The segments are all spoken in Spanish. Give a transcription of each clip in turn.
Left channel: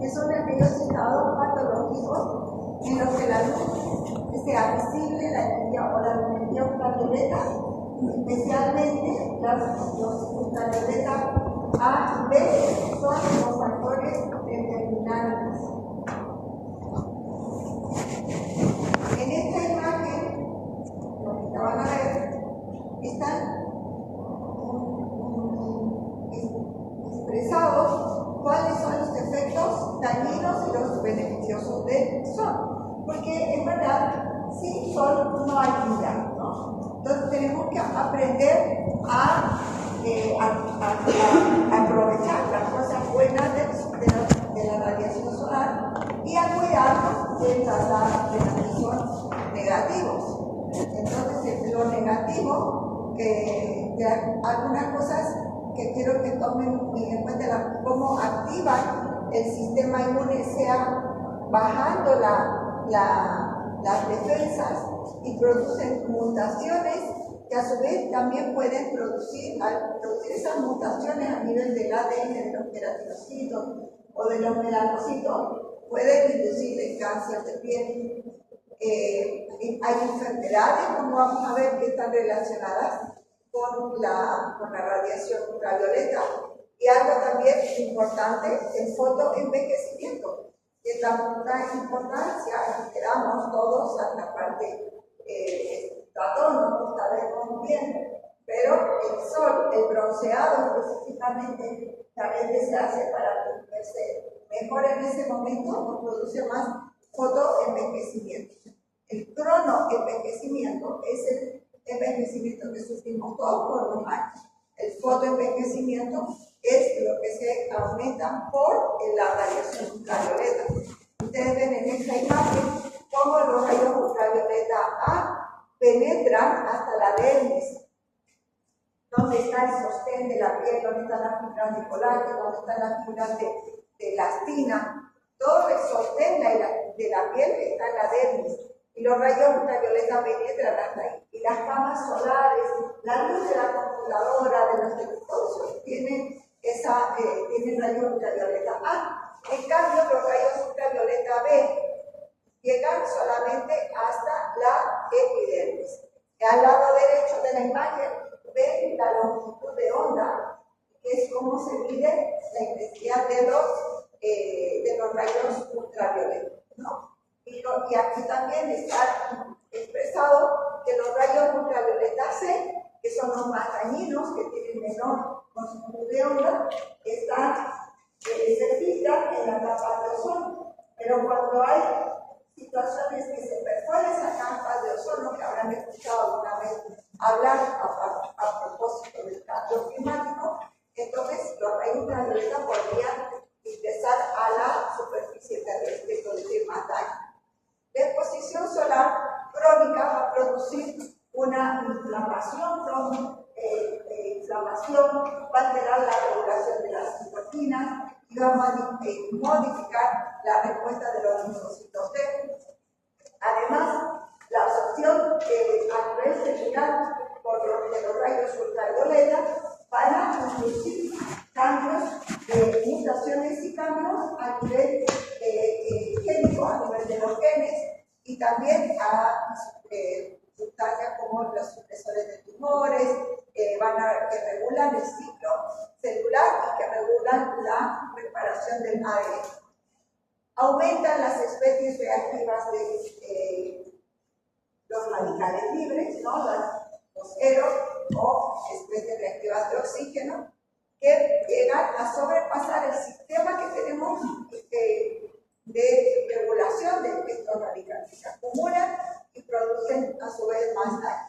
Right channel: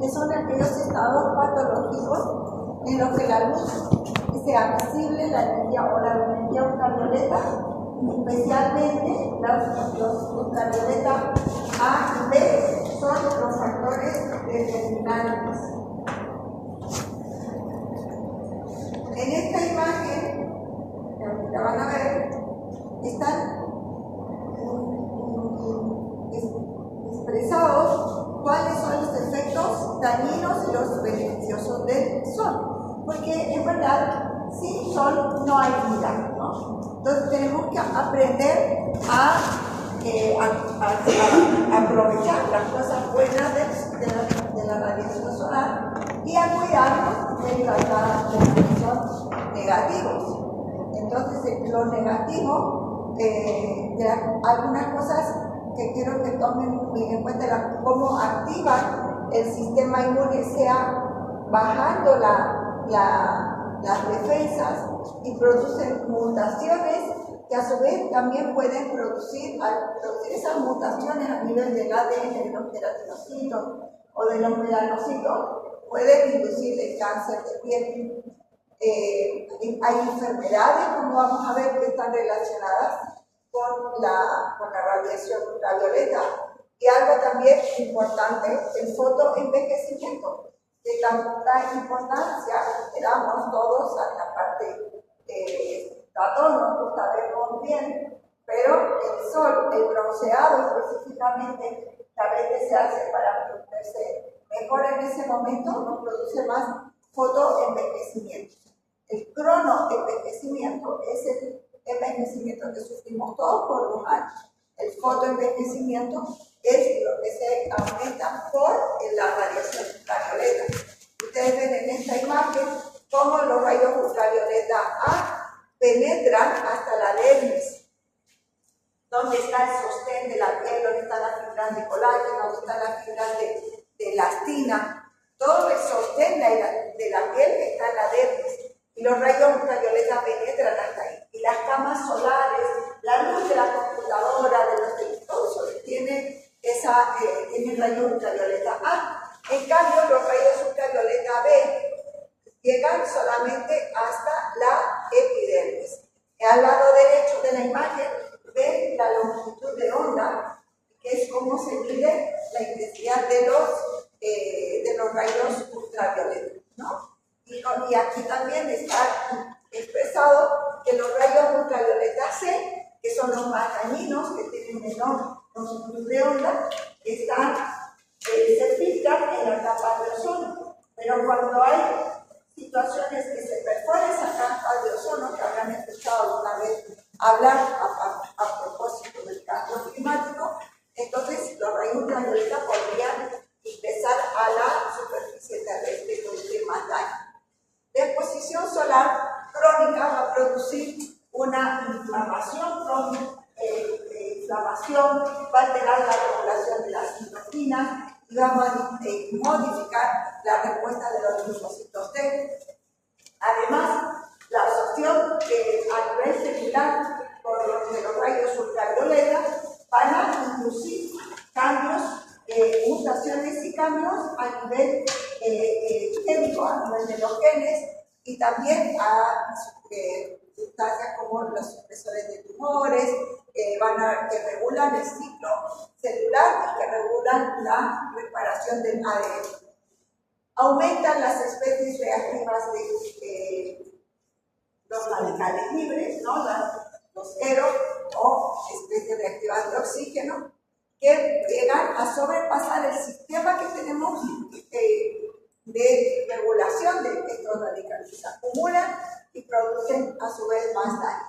que son aquellos estados patológicos en los que la luz sea visible, la energía o la energía ultravioleta, especialmente los ultravioleta A y B, son los factores determinantes. En esta imagen, que ahorita van a ver, están expresados cuáles son los efectos dañinos y los beneficiosos del sol. Porque en verdad, sin sol no hay vida, ¿no? Entonces tenemos que aprender a aprovechar las cosas buenas de la radiación solar y a cuidarnos de la radiación negativos. Entonces, lo negativo, algunas cosas que quiero que tomen muy en cuenta, cómo activan el sistema inmune, sea bajando las defensas y producen mutaciones que a su vez también pueden producir, al producir esas mutaciones a nivel del ADN de los queratinocitos o de los melanocitos, pueden inducir el cáncer de piel. Hay enfermedades, como vamos a ver, que están relacionadas con la radiación ultravioleta. Y algo también importante, el fotoenvejecimiento, que tanta importancia le damos todos a la parte a todos nos gusta vernos bien, pero el sol, el bronceado específicamente, que a veces se hace para verse mejor en ese momento, nos produce más fotoenvejecimiento. El cronoenvejecimiento es el envejecimiento que sufrimos todos por los años. El fotoenvejecimiento es lo que se aumenta por la radiación ultravioleta. Ustedes ven en esta imagen cómo los rayos ultravioleta A penetran hasta la dermis, donde está el sostén de la piel, donde están las fibras de colágeno, donde están las fibras de elastina. Todo el sostén de la piel está en la dermis. Y los rayos ultravioleta penetran hasta ahí. Y las camas solares, la luz de la computadora, de los televisores, tienen rayos ultravioleta A. En cambio, los rayos ultravioleta B llegan solamente hasta la epidermis. Al lado derecho de la imagen ven la longitud de onda, que es cómo se mide la intensidad de los rayos ultravioleta, ¿no? Y aquí también está expresado que los rayos ultravioleta C, que son los más dañinos, que tienen menor longitud de onda, se filtran en la capa de ozono. Pero cuando hay situaciones que se perforan esa capa de ozono, que habrán escuchado alguna vez hablar a propósito del cambio climático, entonces los rayos ultravioleta podrían ingresar a la superficie terrestre y producir más daño. La exposición solar crónica va a producir una inflamación, va a alterar la regulación de las citocinas y va a modificar la respuesta de los linfocitos T. Además, la absorción a nivel celular de los rayos ultravioleta van a inducir cambios, mutaciones y cambios a nivel génico, a nivel de los genes, y también a sustancias como los supresores de tumores, que regulan el ciclo celular y que regulan la reparación del ADN. Aumentan las especies reactivas de los radicales libres, ¿no? Los ERO o especies reactivas de oxígeno, que llegan a sobrepasar el sistema que tenemos de regulación de estos radicales. Se acumulan y producen a su vez más daño.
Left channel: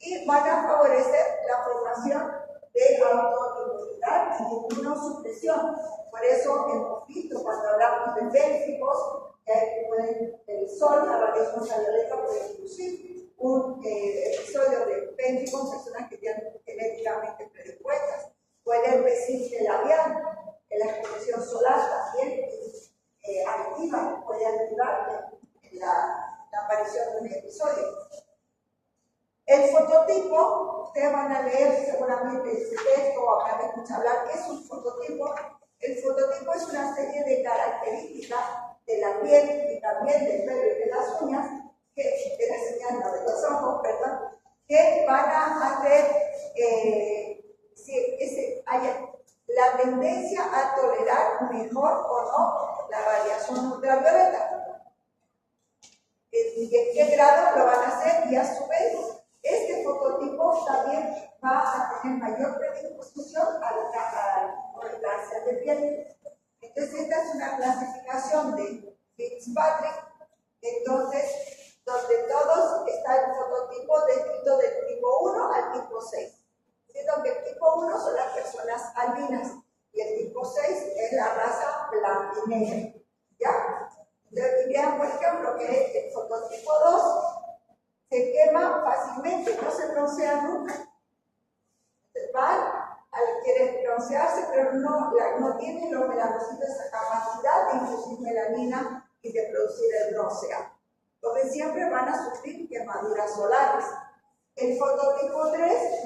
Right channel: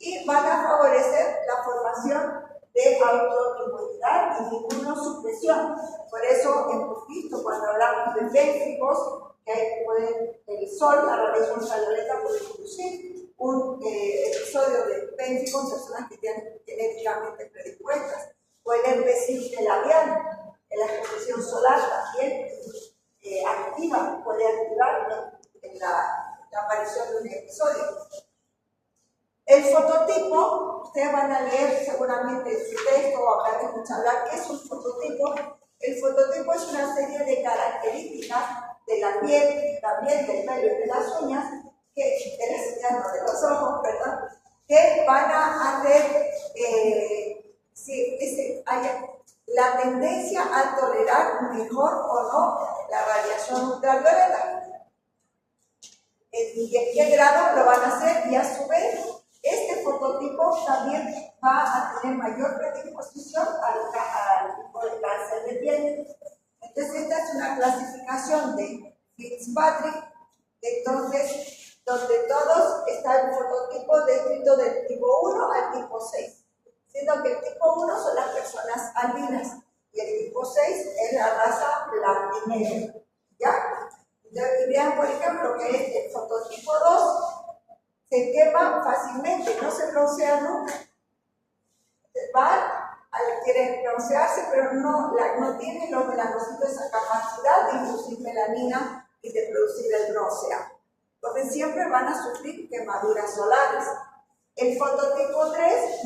Y van a favorecer la formación de autoinmunidad y inmunosupresión. Por eso hemos visto cuando hablamos de bénficos que el sol, la radiación ultravioleta, puede inducir un episodio de bénfico en personas que tienen genéticamente predispuestas, o el herpes simple labial, en la exposición solar también puede activar en la aparición de un episodio. El fototipo, ustedes van a leer seguramente en su texto o habrán escuchado hablar qué es un fototipo. El fototipo es una serie de características de la piel y también del pelo y de las uñas, no, de los ojos, perdón, que van a hacer haya la tendencia a tolerar mejor o no la radiación ultravioleta. Y en qué grado lo van a hacer, y a su vez este fototipo también va a tener mayor predisposición al tipo de cáncer de piel. Entonces esta es una clasificación de Fitzpatrick, entonces donde todos está el fototipo descrito del tipo 1 al tipo 6, siendo que el tipo 1 son las personas albinas y el tipo 6 es la raza blanca y negra, ¿ya? Entonces, y vean, por ejemplo, que el fototipo 2 se quema fácilmente, no se broncea nunca. Quieren broncearse, pero no tienen los melanocitos esa capacidad de inducir melanina y de producir el bronceado. Entonces siempre van a sufrir quemaduras solares. El fototipo 3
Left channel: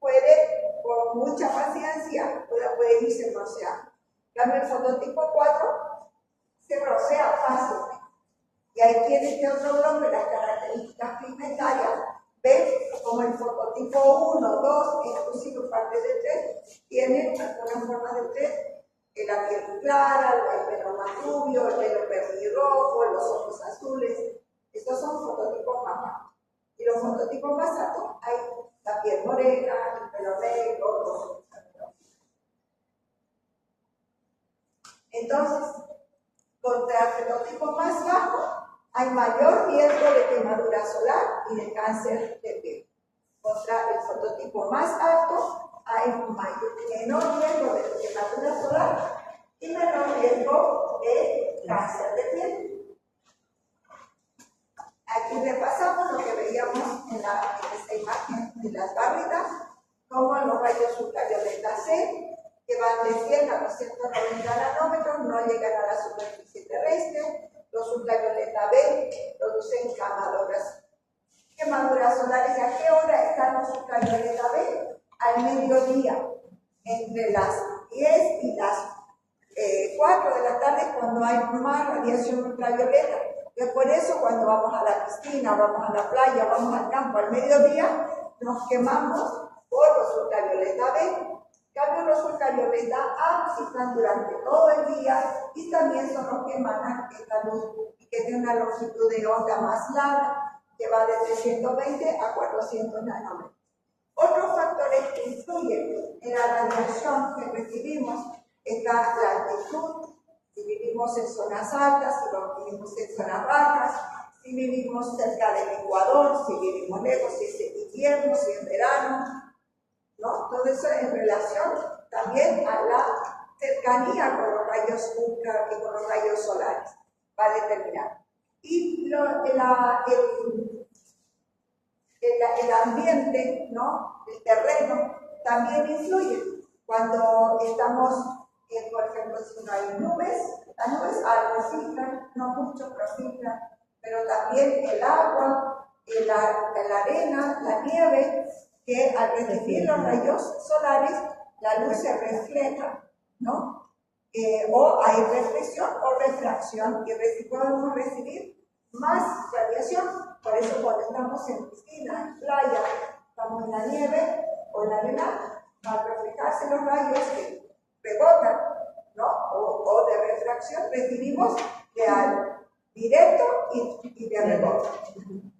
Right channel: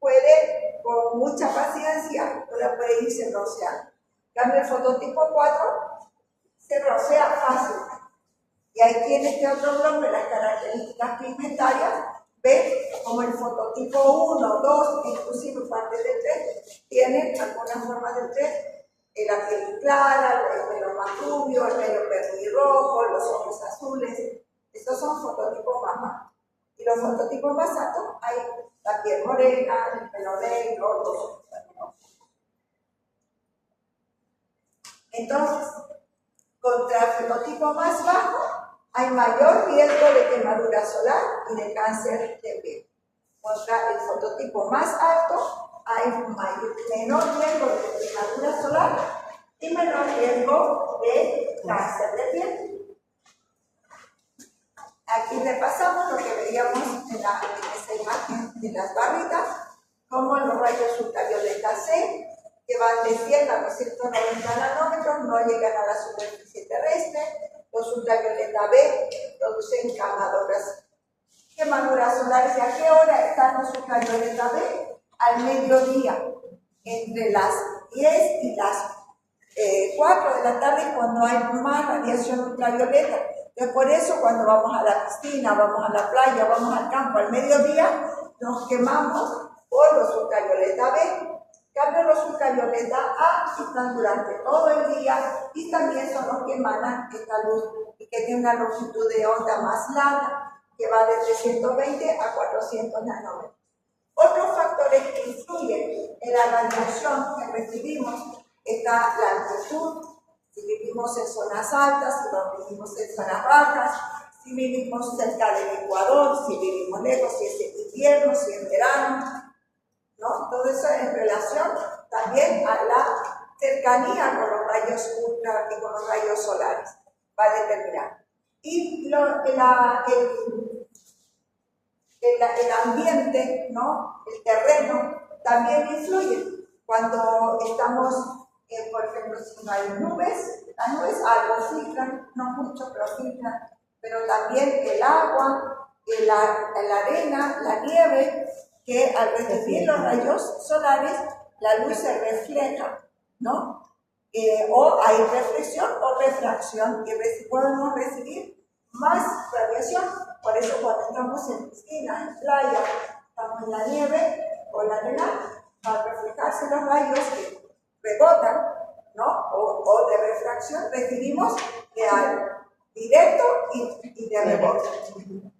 puede, con mucha paciencia, puede irse bronceando. En cambio, el fototipo 4 se broncea fácil. Y aquí en este otro bloque, las características pigmentarias, ven como el fototipo 1, 2, inclusive parte del 3, tienen alguna forma del 3, la piel clara, el pelo más rubio, el pelo pelirrojo, los ojos azules. Estos son fototipos más bajos. Y los fototipos más altos, hay la piel morena, el pelo negro, los ojos también. Entonces, contra el fenotipo más bajo, hay mayor riesgo de quemadura solar y de cáncer de piel. Contra el fototipo más alto, hay menor riesgo de quemadura solar y menor riesgo de cáncer de piel. Aquí repasamos lo que veíamos en esa imagen de las barritas, como los rayos ultravioleta C, que van de 100 a 290 nanómetros, no llegan a la superficie terrestre. Los ultravioleta B producen quemaduras solares. ¿Y a qué hora están los ultravioleta B? Al mediodía, entre las 10 y las 4 de la tarde, cuando hay más radiación ultravioleta. Entonces, por eso cuando vamos a la piscina, vamos a la playa, vamos al campo al mediodía, nos quemamos por los ultravioleta B. En cambio, los ultravioleta A están durante todo el día y también son los que emanan esta luz y que tienen una longitud de onda más larga, que va de 320 a 400 nanómetros. Otros factores que influyen en la radiación que recibimos está la altitud, si vivimos en zonas altas, si vivimos en zonas bajas, si vivimos cerca del Ecuador, si vivimos lejos, si es en invierno, si es verano, ¿no? Todo eso en relación también a la cercanía con los rayos ultra y con los rayos solares va a determinar. Y el ambiente, ¿no? El terreno también influye. Cuando estamos, por ejemplo, si no hay nubes, las nubes algo filtran, no mucho, pero filtran, pero también el agua, la arena, la nieve, que al recibir los rayos solares, la luz se refleja, ¿no? O hay reflexión o refracción, y podemos recibir más radiación. Por eso cuando estamos en piscina, en playa, estamos en la nieve o en la arena, al reflejarse los rayos que rebotan, ¿no? O de refracción, recibimos directo y de rebote,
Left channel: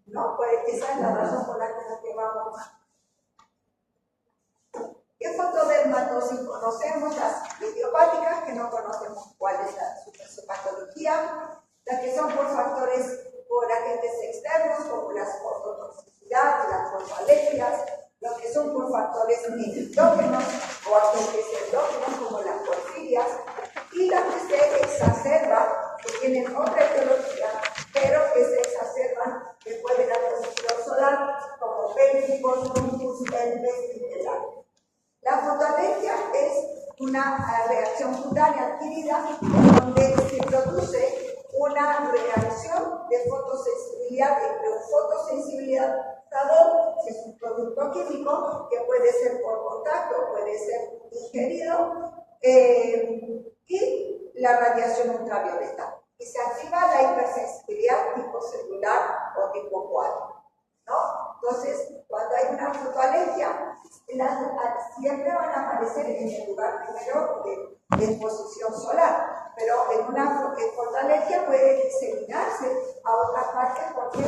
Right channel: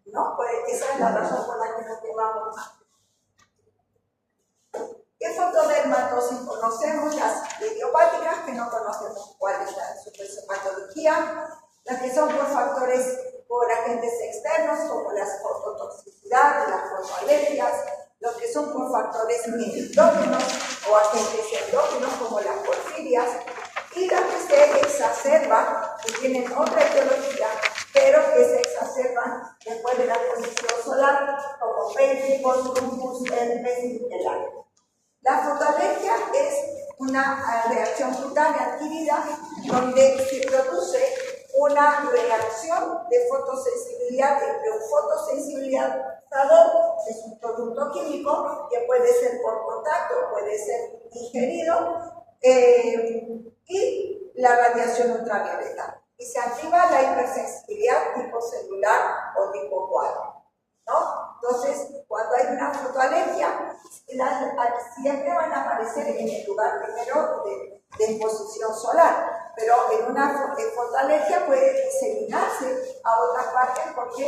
¿no? Pues esa es la razón por la que nos quemamos más. ¿Qué fotodermatosis conocemos? Las idiopáticas, que no conocemos cuál es su patología, las que son por factores, por agentes externos, como las fototoxicidad, las fotoalergias, los que son por factores endógenos o agentes endógenos, como las porfirias, y las que se exacerban, que tienen otra etiología, pero que se exacerban después de la exposición solar, como pélvicos, lupus, herpes y el La fotoalergia es una reacción cutánea adquirida donde se produce una reacción de fotosensibilidad entre un fotosensibilizador, que es un producto químico que puede ser por contacto, puede ser ingerido, y la radiación ultravioleta. Y se activa la hipersensibilidad tipo celular o tipo 4, ¿no? Entonces, cuando hay una fotoalergia, siempre van a aparecer en el lugar primero de exposición solar, pero en una fotoalergia puede diseminarse a otras partes porque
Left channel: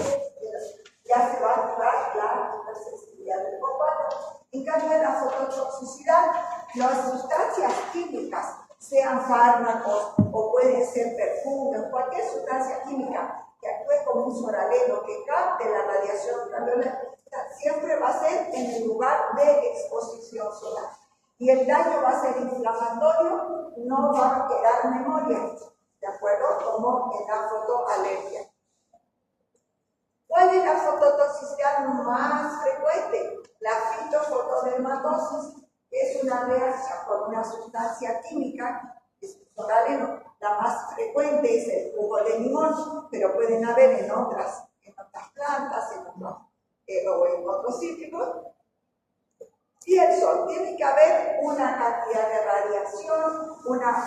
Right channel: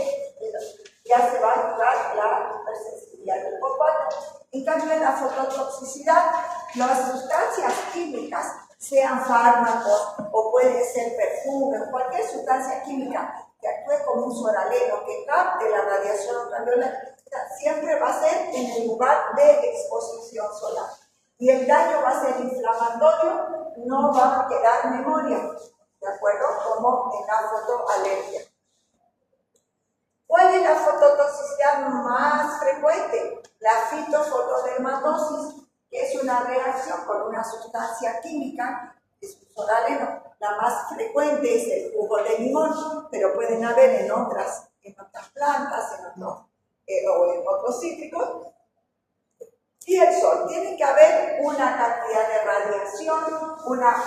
ya se va a activar la hipersensibilidad del tipo 4. En cambio, en la fototoxicidad, las sustancias químicas, sean fármacos o pueden ser perfumes, cualquier sustancia química que actúe como un soraleno, que capte la radiación ultravioleta, siempre va a ser en el lugar de exposición solar. Y el daño va a ser inflamatorio, no va a quedar memoria, ¿de acuerdo? Como en la fotoalergia. ¿Cuál es la fototoxicidad más frecuente? La fitofotodermatosis, que es una reacción con una sustancia química, es un soraleno. La más frecuente es el jugo de limón, pero pueden haber en otras plantas, o en otros cítricos. Y el sol, tiene que haber una cantidad de radiación, una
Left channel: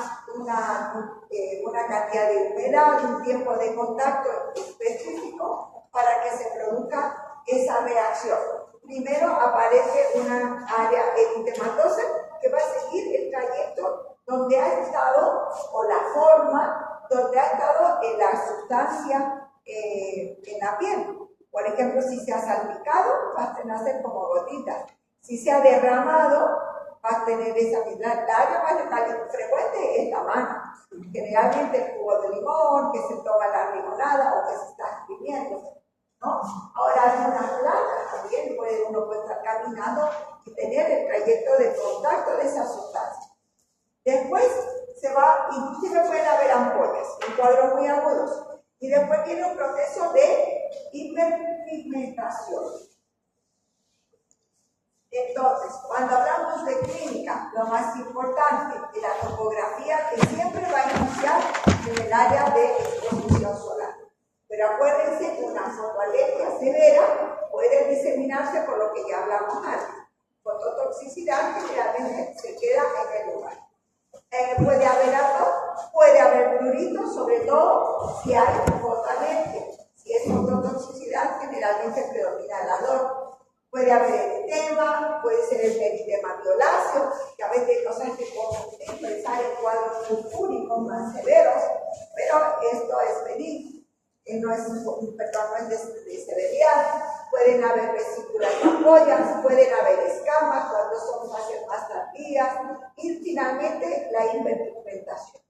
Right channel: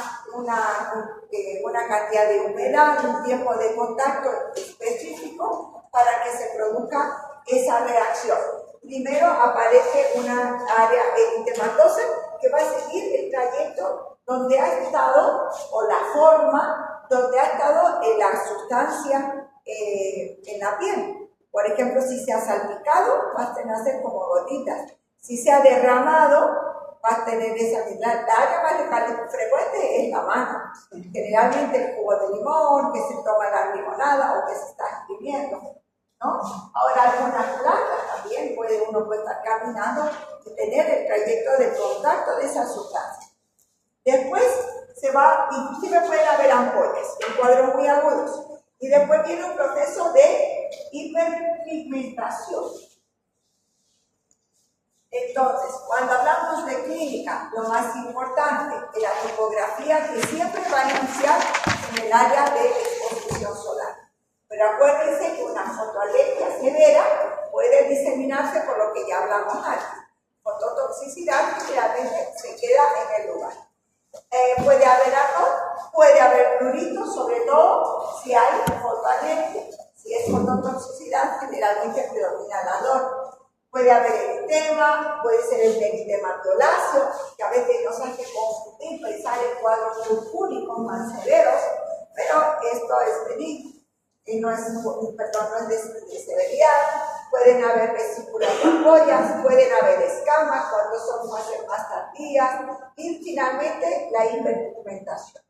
cantidad de humedad, un tiempo de contacto específico para que se produzca esa reacción. Primero aparece una área eritematosa que va a seguir el trayecto donde ha estado, o la forma donde ha estado la sustancia en la piel. Por ejemplo, si se ha salpicado, va a nacer como gotitas. Si se ha derramado, va a tener esa misma. La área más frecuente es la mano. Generalmente el jugo de limón, que se toma la limonada o que se está escribiendo, ¿no? Ahora, algunas plantas también uno puede estar caminando y tener el trayecto de contacto de esa sustancia. Después se va, inclusive pueden haber ampollas, en cuadros muy agudos. Y después viene un proceso de hiperpigmentación. Entonces, cuando hablamos de clínica, lo más importante es la tipografía que siempre va a iniciar en el área de exposición solar. Pero acuérdense que una fotoalergia severa puede diseminarse por lo que ya hablamos antes. Fototoxicidad generalmente se queda en el lugar. Puede haber ardor, puede haber prurito, sobre todo si hay fotoalergia. Si es fototoxicidad, generalmente predomina el ardor. Puede haber eritema, puede ser el eritema violáceo, que a veces nos hace confundir, pensar en cuadros purpúricos más severos, pero esto es benigno, no es de severidad. Pueden haber vesículas de ampollas, pueden haber escamas cuando son fases más tardías, y finalmente la hiperpigmentación.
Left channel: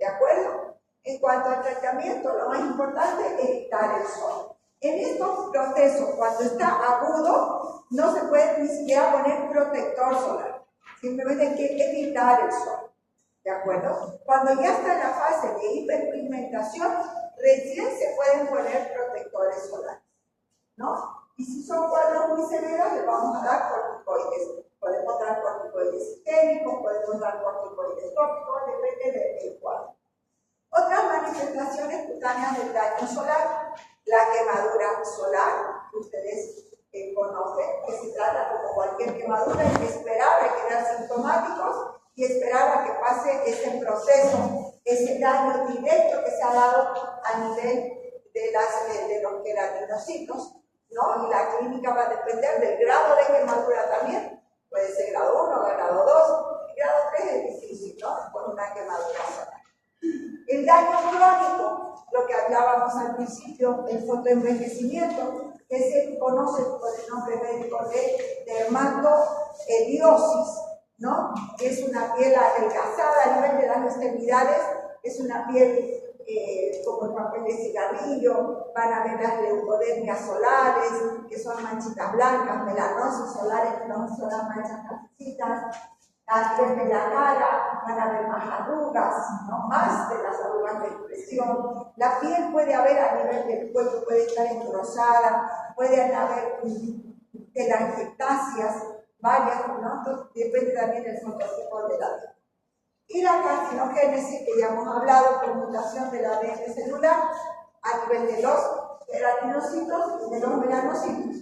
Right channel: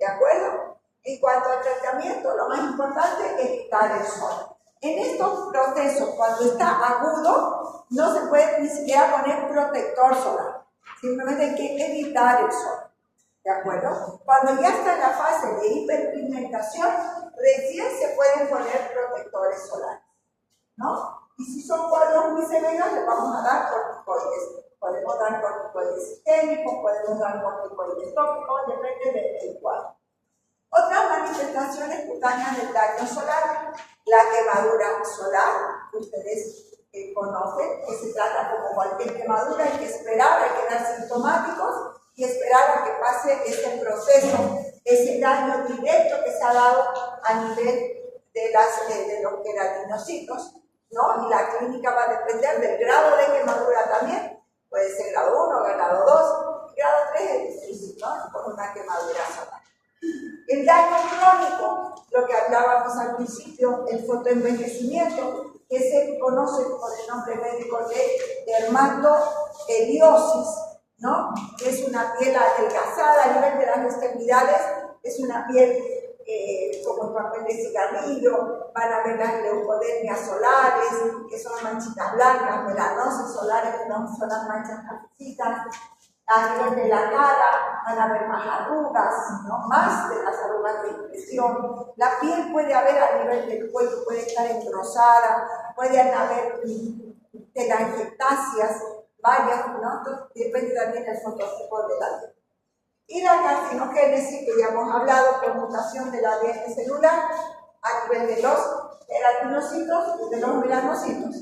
¿De acuerdo? En cuanto al tratamiento, lo más importante es evitar el sol. En estos procesos, cuando está agudo, no se puede ni siquiera poner protector solar. Simplemente hay que evitar el sol. ¿De acuerdo? Cuando ya está en la fase de hiperpigmentación, recién se pueden poner protectores solares, ¿no? Y si son cuadros muy severos, les vamos a dar corticoides. Podemos dar corticoides sistémicos, podemos dar corticoides tópicos, depende del cuadro. Otras manifestaciones cutáneas del daño solar, la quemadura solar, que ustedes conocen, que se trata como cualquier quemadura, hay que esperar, hay que dar sintomáticos y esperar a que pase ese proceso, ese daño directo que se ha dado a nivel de los queratinocitos, ¿no? Y la clínica va a depender del grado de quemadura también, puede ser grado 1, grado 2, y grado 3 es difícil, ¿no? Con una quemadura solar. El daño crónico, lo que hablábamos al principio, el fotoenvejecimiento, que se conoce por el nombre médico de dermatoeliosis, ¿no? Que es una piel adelgazada a nivel de las extremidades, es una piel como el papel de cigarrillo, van a ver las leucodermias solares, que son manchitas blancas, melanosis solares, que son las manchas cafecitas. A nivel de la cara van a haber más arrugas, ¿no? Más de las arrugas de impresión. La piel puede haber a nivel del cuello, puede estar engrosada, pueden haber telangiectasias, varias, ¿no? Entonces, depende también del fototipo de la piel. Y la carcinogénesis, que ya hemos hablado, por mutación del ADN celular a nivel de los queratinocitos y de los melanocitos.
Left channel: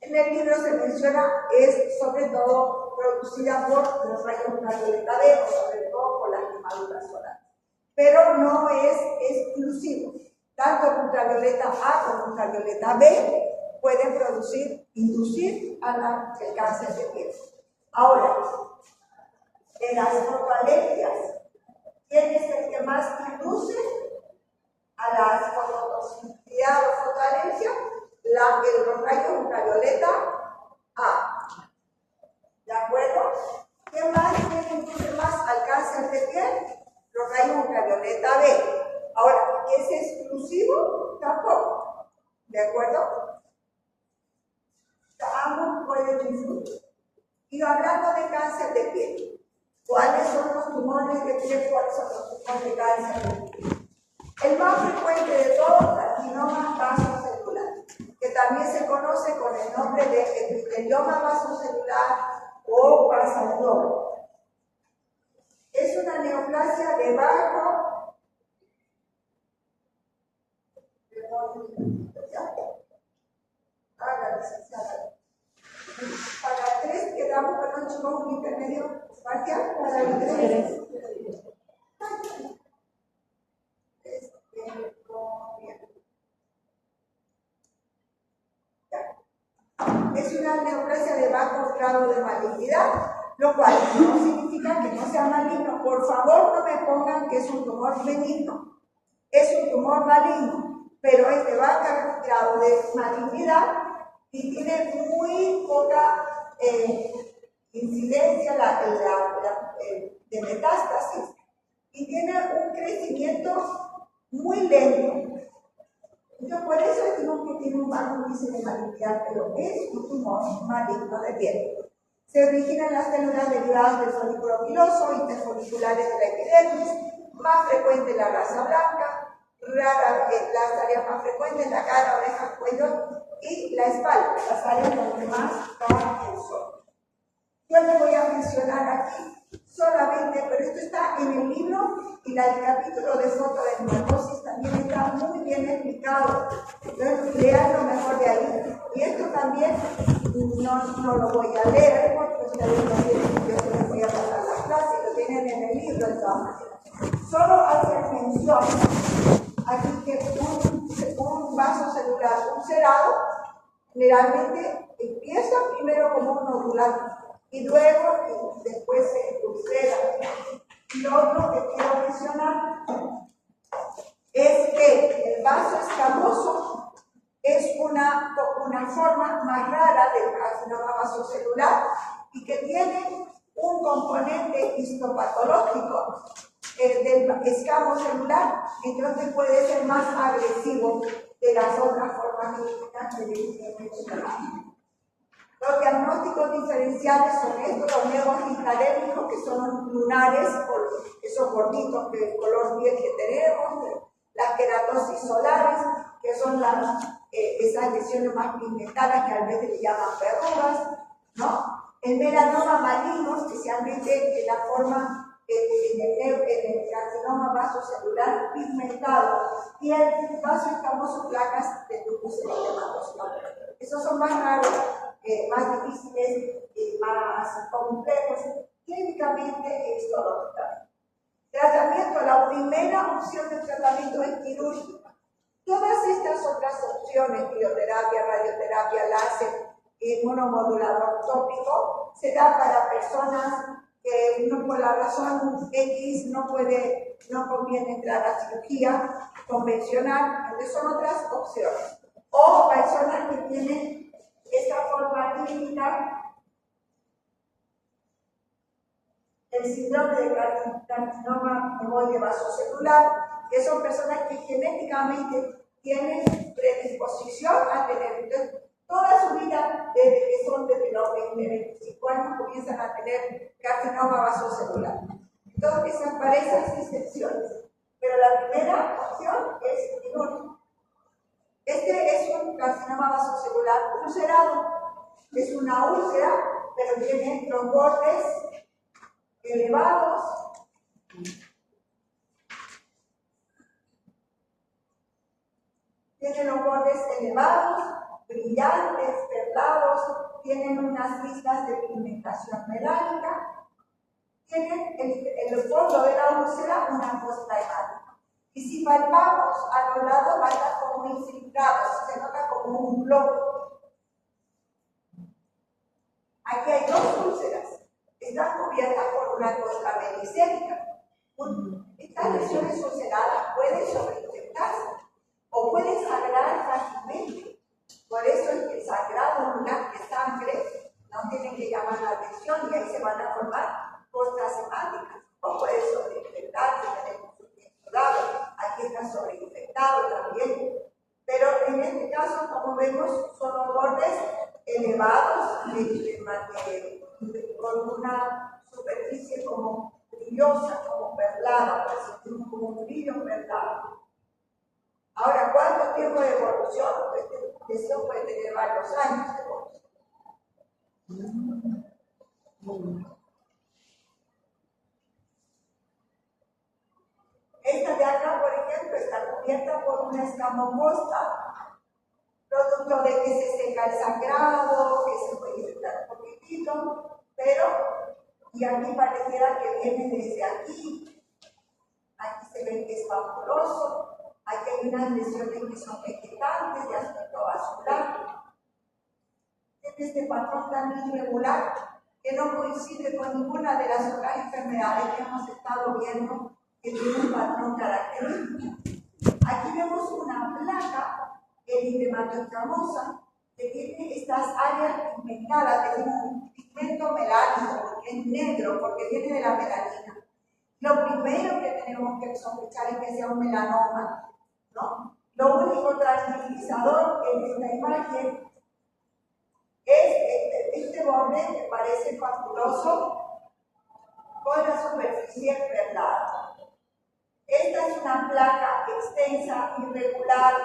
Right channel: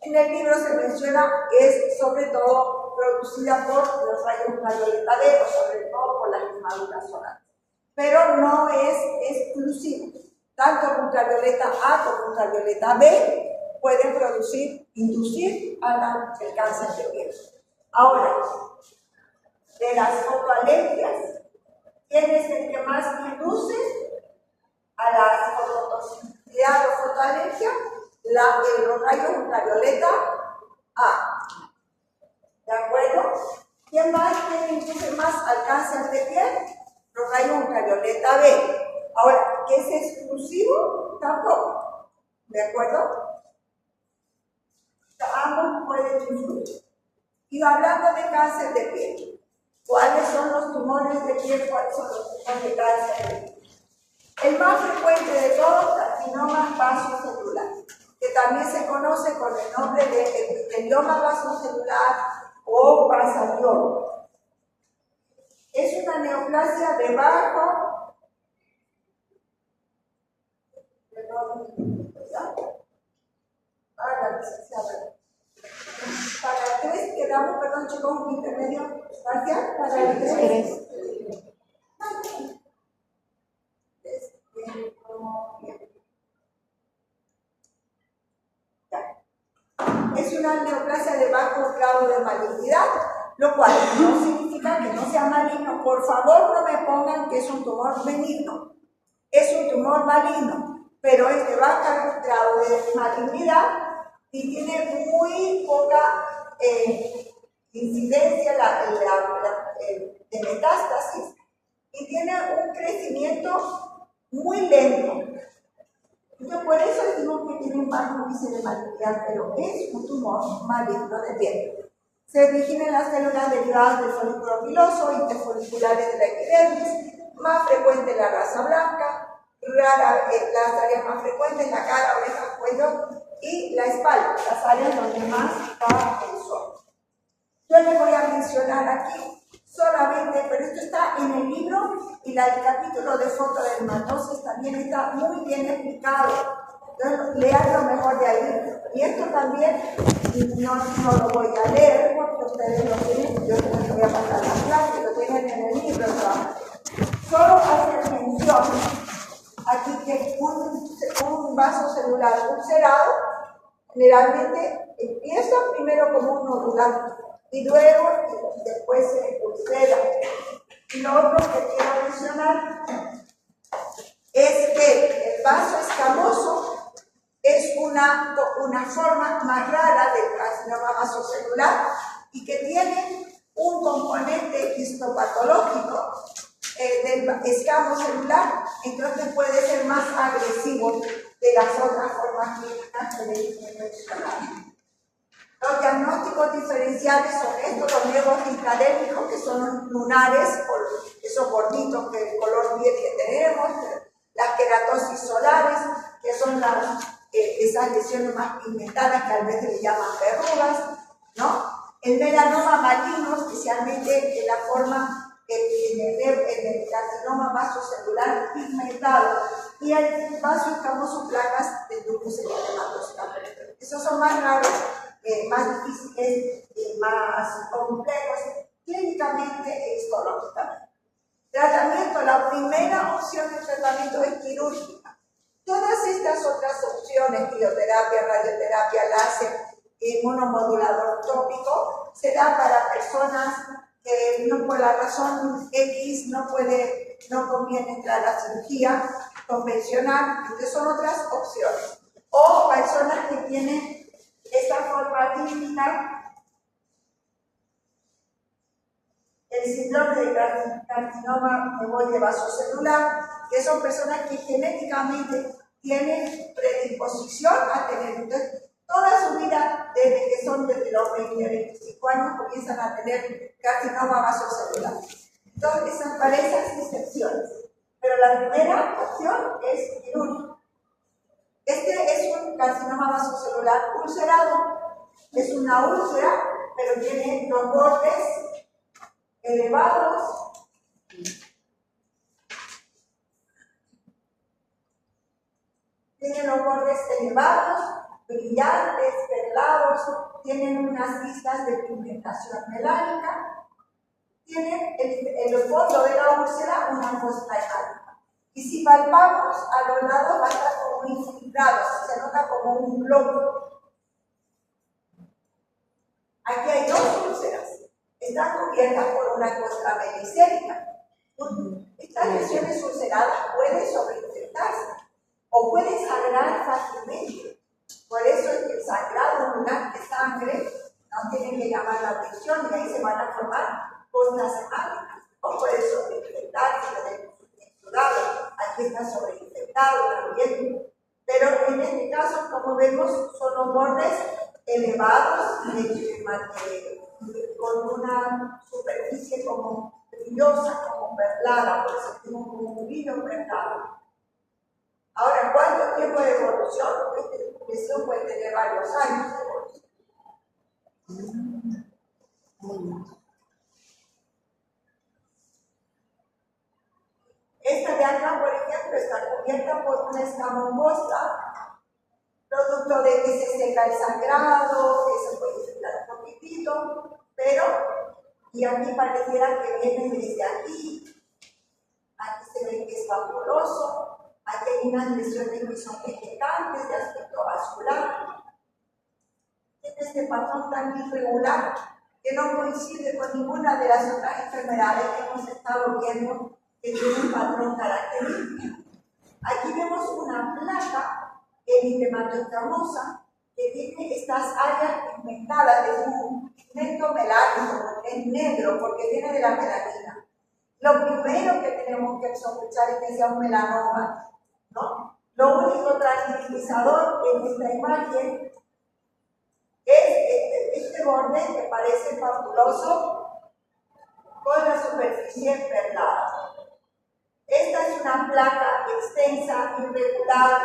En el libro se menciona que es sobre todo producida por los rayos ultravioleta D, sobre todo por las quemaduras solares. pero no es exclusivo. Tanto ultravioleta A como ultravioleta B pueden inducir el cáncer de piel. Ahora, de las fotoalergias, ¿quién es el que más induce a la fototoxicidad o fotoalergia? Los rayos ultravioleta A. ¿De acuerdo? ¿Quién más induce más al cáncer de piel? Los rayos ultravioleta B. Ahora, ¿qué es exclusivo? Tampoco. ¿De acuerdo? Ambos pueden influir. Y hablando de cáncer de piel, ¿cuáles son los tumores de piel? ¿Cuáles son los tumores de cáncer de piel? El más frecuente de todos, carcinoma vasocelular, que también se conoce con el nombre de epitelioma vasocelular o basalioma. Es una neoplasia de bajo, la licenciada. Para 3 quedamos, perdón chicos, un intermedio parcial, para el 3. Es una neoplasia de bajo grado de malignidad, lo cual no significa que no sea maligno. Por favor, no me pongan que es un tumor benigno. Es un tumor maligno, pero es de bajo grado de malignidad y tiene muy poca incidencia de metástasis y tiene un crecimiento muy lento. Entonces, por eso decimos que tiene un bajo índice de malignidad, pero es un tumor maligno de piel. Se origina en las células derivadas del folículo piloso, interfoliculares de la epidermis, más frecuente en la raza blanca, las áreas más frecuentes, la cara, orejas, cuello y la espalda, las áreas donde más está el sol. Yo les voy a mencionar aquí solamente, pero esto está en el libro y el capítulo de fotodermatosis también está muy bien explicado. Entonces, lean lo mejor de ahí. Y esto también no lo voy a leer porque ustedes lo tienen, yo les voy a pasar la clase, lo tienen en el libro de todas maneras. Solo hacer mención aquí que un vaso celular ulcerado generalmente empieza primero como un nodular y luego después se ulcera. Y lo otro que quiero mencionar es que el vaso escamoso es una forma más rara del carcinoma vasocelular y que tiene un componente histopatológico del escamo celular, entonces puede ser más agresivo de las otras formas clínicas que le mencionamos. Los diagnósticos diferenciales son estos, los nevos intradérmicos, que son los lunares, esos gorditos que el color piel que tenemos, las queratosis solares, que son esas lesiones más pigmentadas que a veces le llaman verrugas, ¿no? El melanoma maligno, especialmente en la forma en el carcinoma vasocelular pigmentado, y el vaso escamoso placas de lupus eritematoso. Esos son más raros, más difíciles, más complejos, clínicamente e histológicamente. Tratamiento, la primera opción de tratamiento es quirúrgica. Todas estas otras opciones, crioterapia, radioterapia, láser, inmunomodulador tópico, se da para personas que no por la razón X no conviene entrar a la cirugía convencional, entonces son otras opciones. O personas que tienen esta forma clínica, el síndrome de carcinoma memoria vasocelular, que son personas que genéticamente tienen predisposición a tener, entonces, toda su vida, desde los 20, 25 años, comienzan a tener carcinoma vasocelular. Entonces, para esas excepciones. Pero la primera opción es quirúrgica. Este es un carcinoma vasocelular ulcerado. Es una úlcera, pero tiene los bordes elevados. Tiene los bordes elevados, brillantes, perlados, tienen unas listas de pigmentación melánica tienen en el fondo de la úlcera una costra hemática. Y si palpamos a los lados, va a estar como infiltrado, se nota como un globo. Aquí hay dos úlceras. Están cubiertas por una costra menicélica. Estas lesiones ulceradas pueden sobreinfectarse o pueden sangrar fácilmente. Por eso es que el sangrado ocular de sangre no tiene que llamar la atención y ahí se van a formar costras hemáticas. O puede sobreinfectarse, tenemos un exudado, aquí está sobreinfectado también. Pero en este caso, como vemos, son los bordes elevados con una superficie como brillosa, como perlada, por sentimos como un brillo perlado. Ahora, ¿cuánto tiempo de evolución? Esta lesión puede tener varios años de evolución. Esta de acá, por ejemplo, está cubierta por una escamocosta, producto de que se seca el sangrado, que se puede infectar un poquitito, pero, y aquí pareciera que viene desde aquí se ve que es fabuloso, aquí hay unas lesiones que son vegetantes de aspecto vascular. Tiene este patrón tan irregular que no coincide con ninguna de las otras enfermedades que hemos estado viendo que tiene un patrón característico. Aquí vemos una placa eritematoescamosa que tiene estas áreas pigmentadas de un pigmento melánico, que es negro porque viene de la melanina. Lo primero que tenemos que sospechar es que sea un melanoma, ¿no? Lo único tranquilizador en esta imagen es este borde que parece fabuloso con la superficie perlada. Esta es una placa extensa, irregular,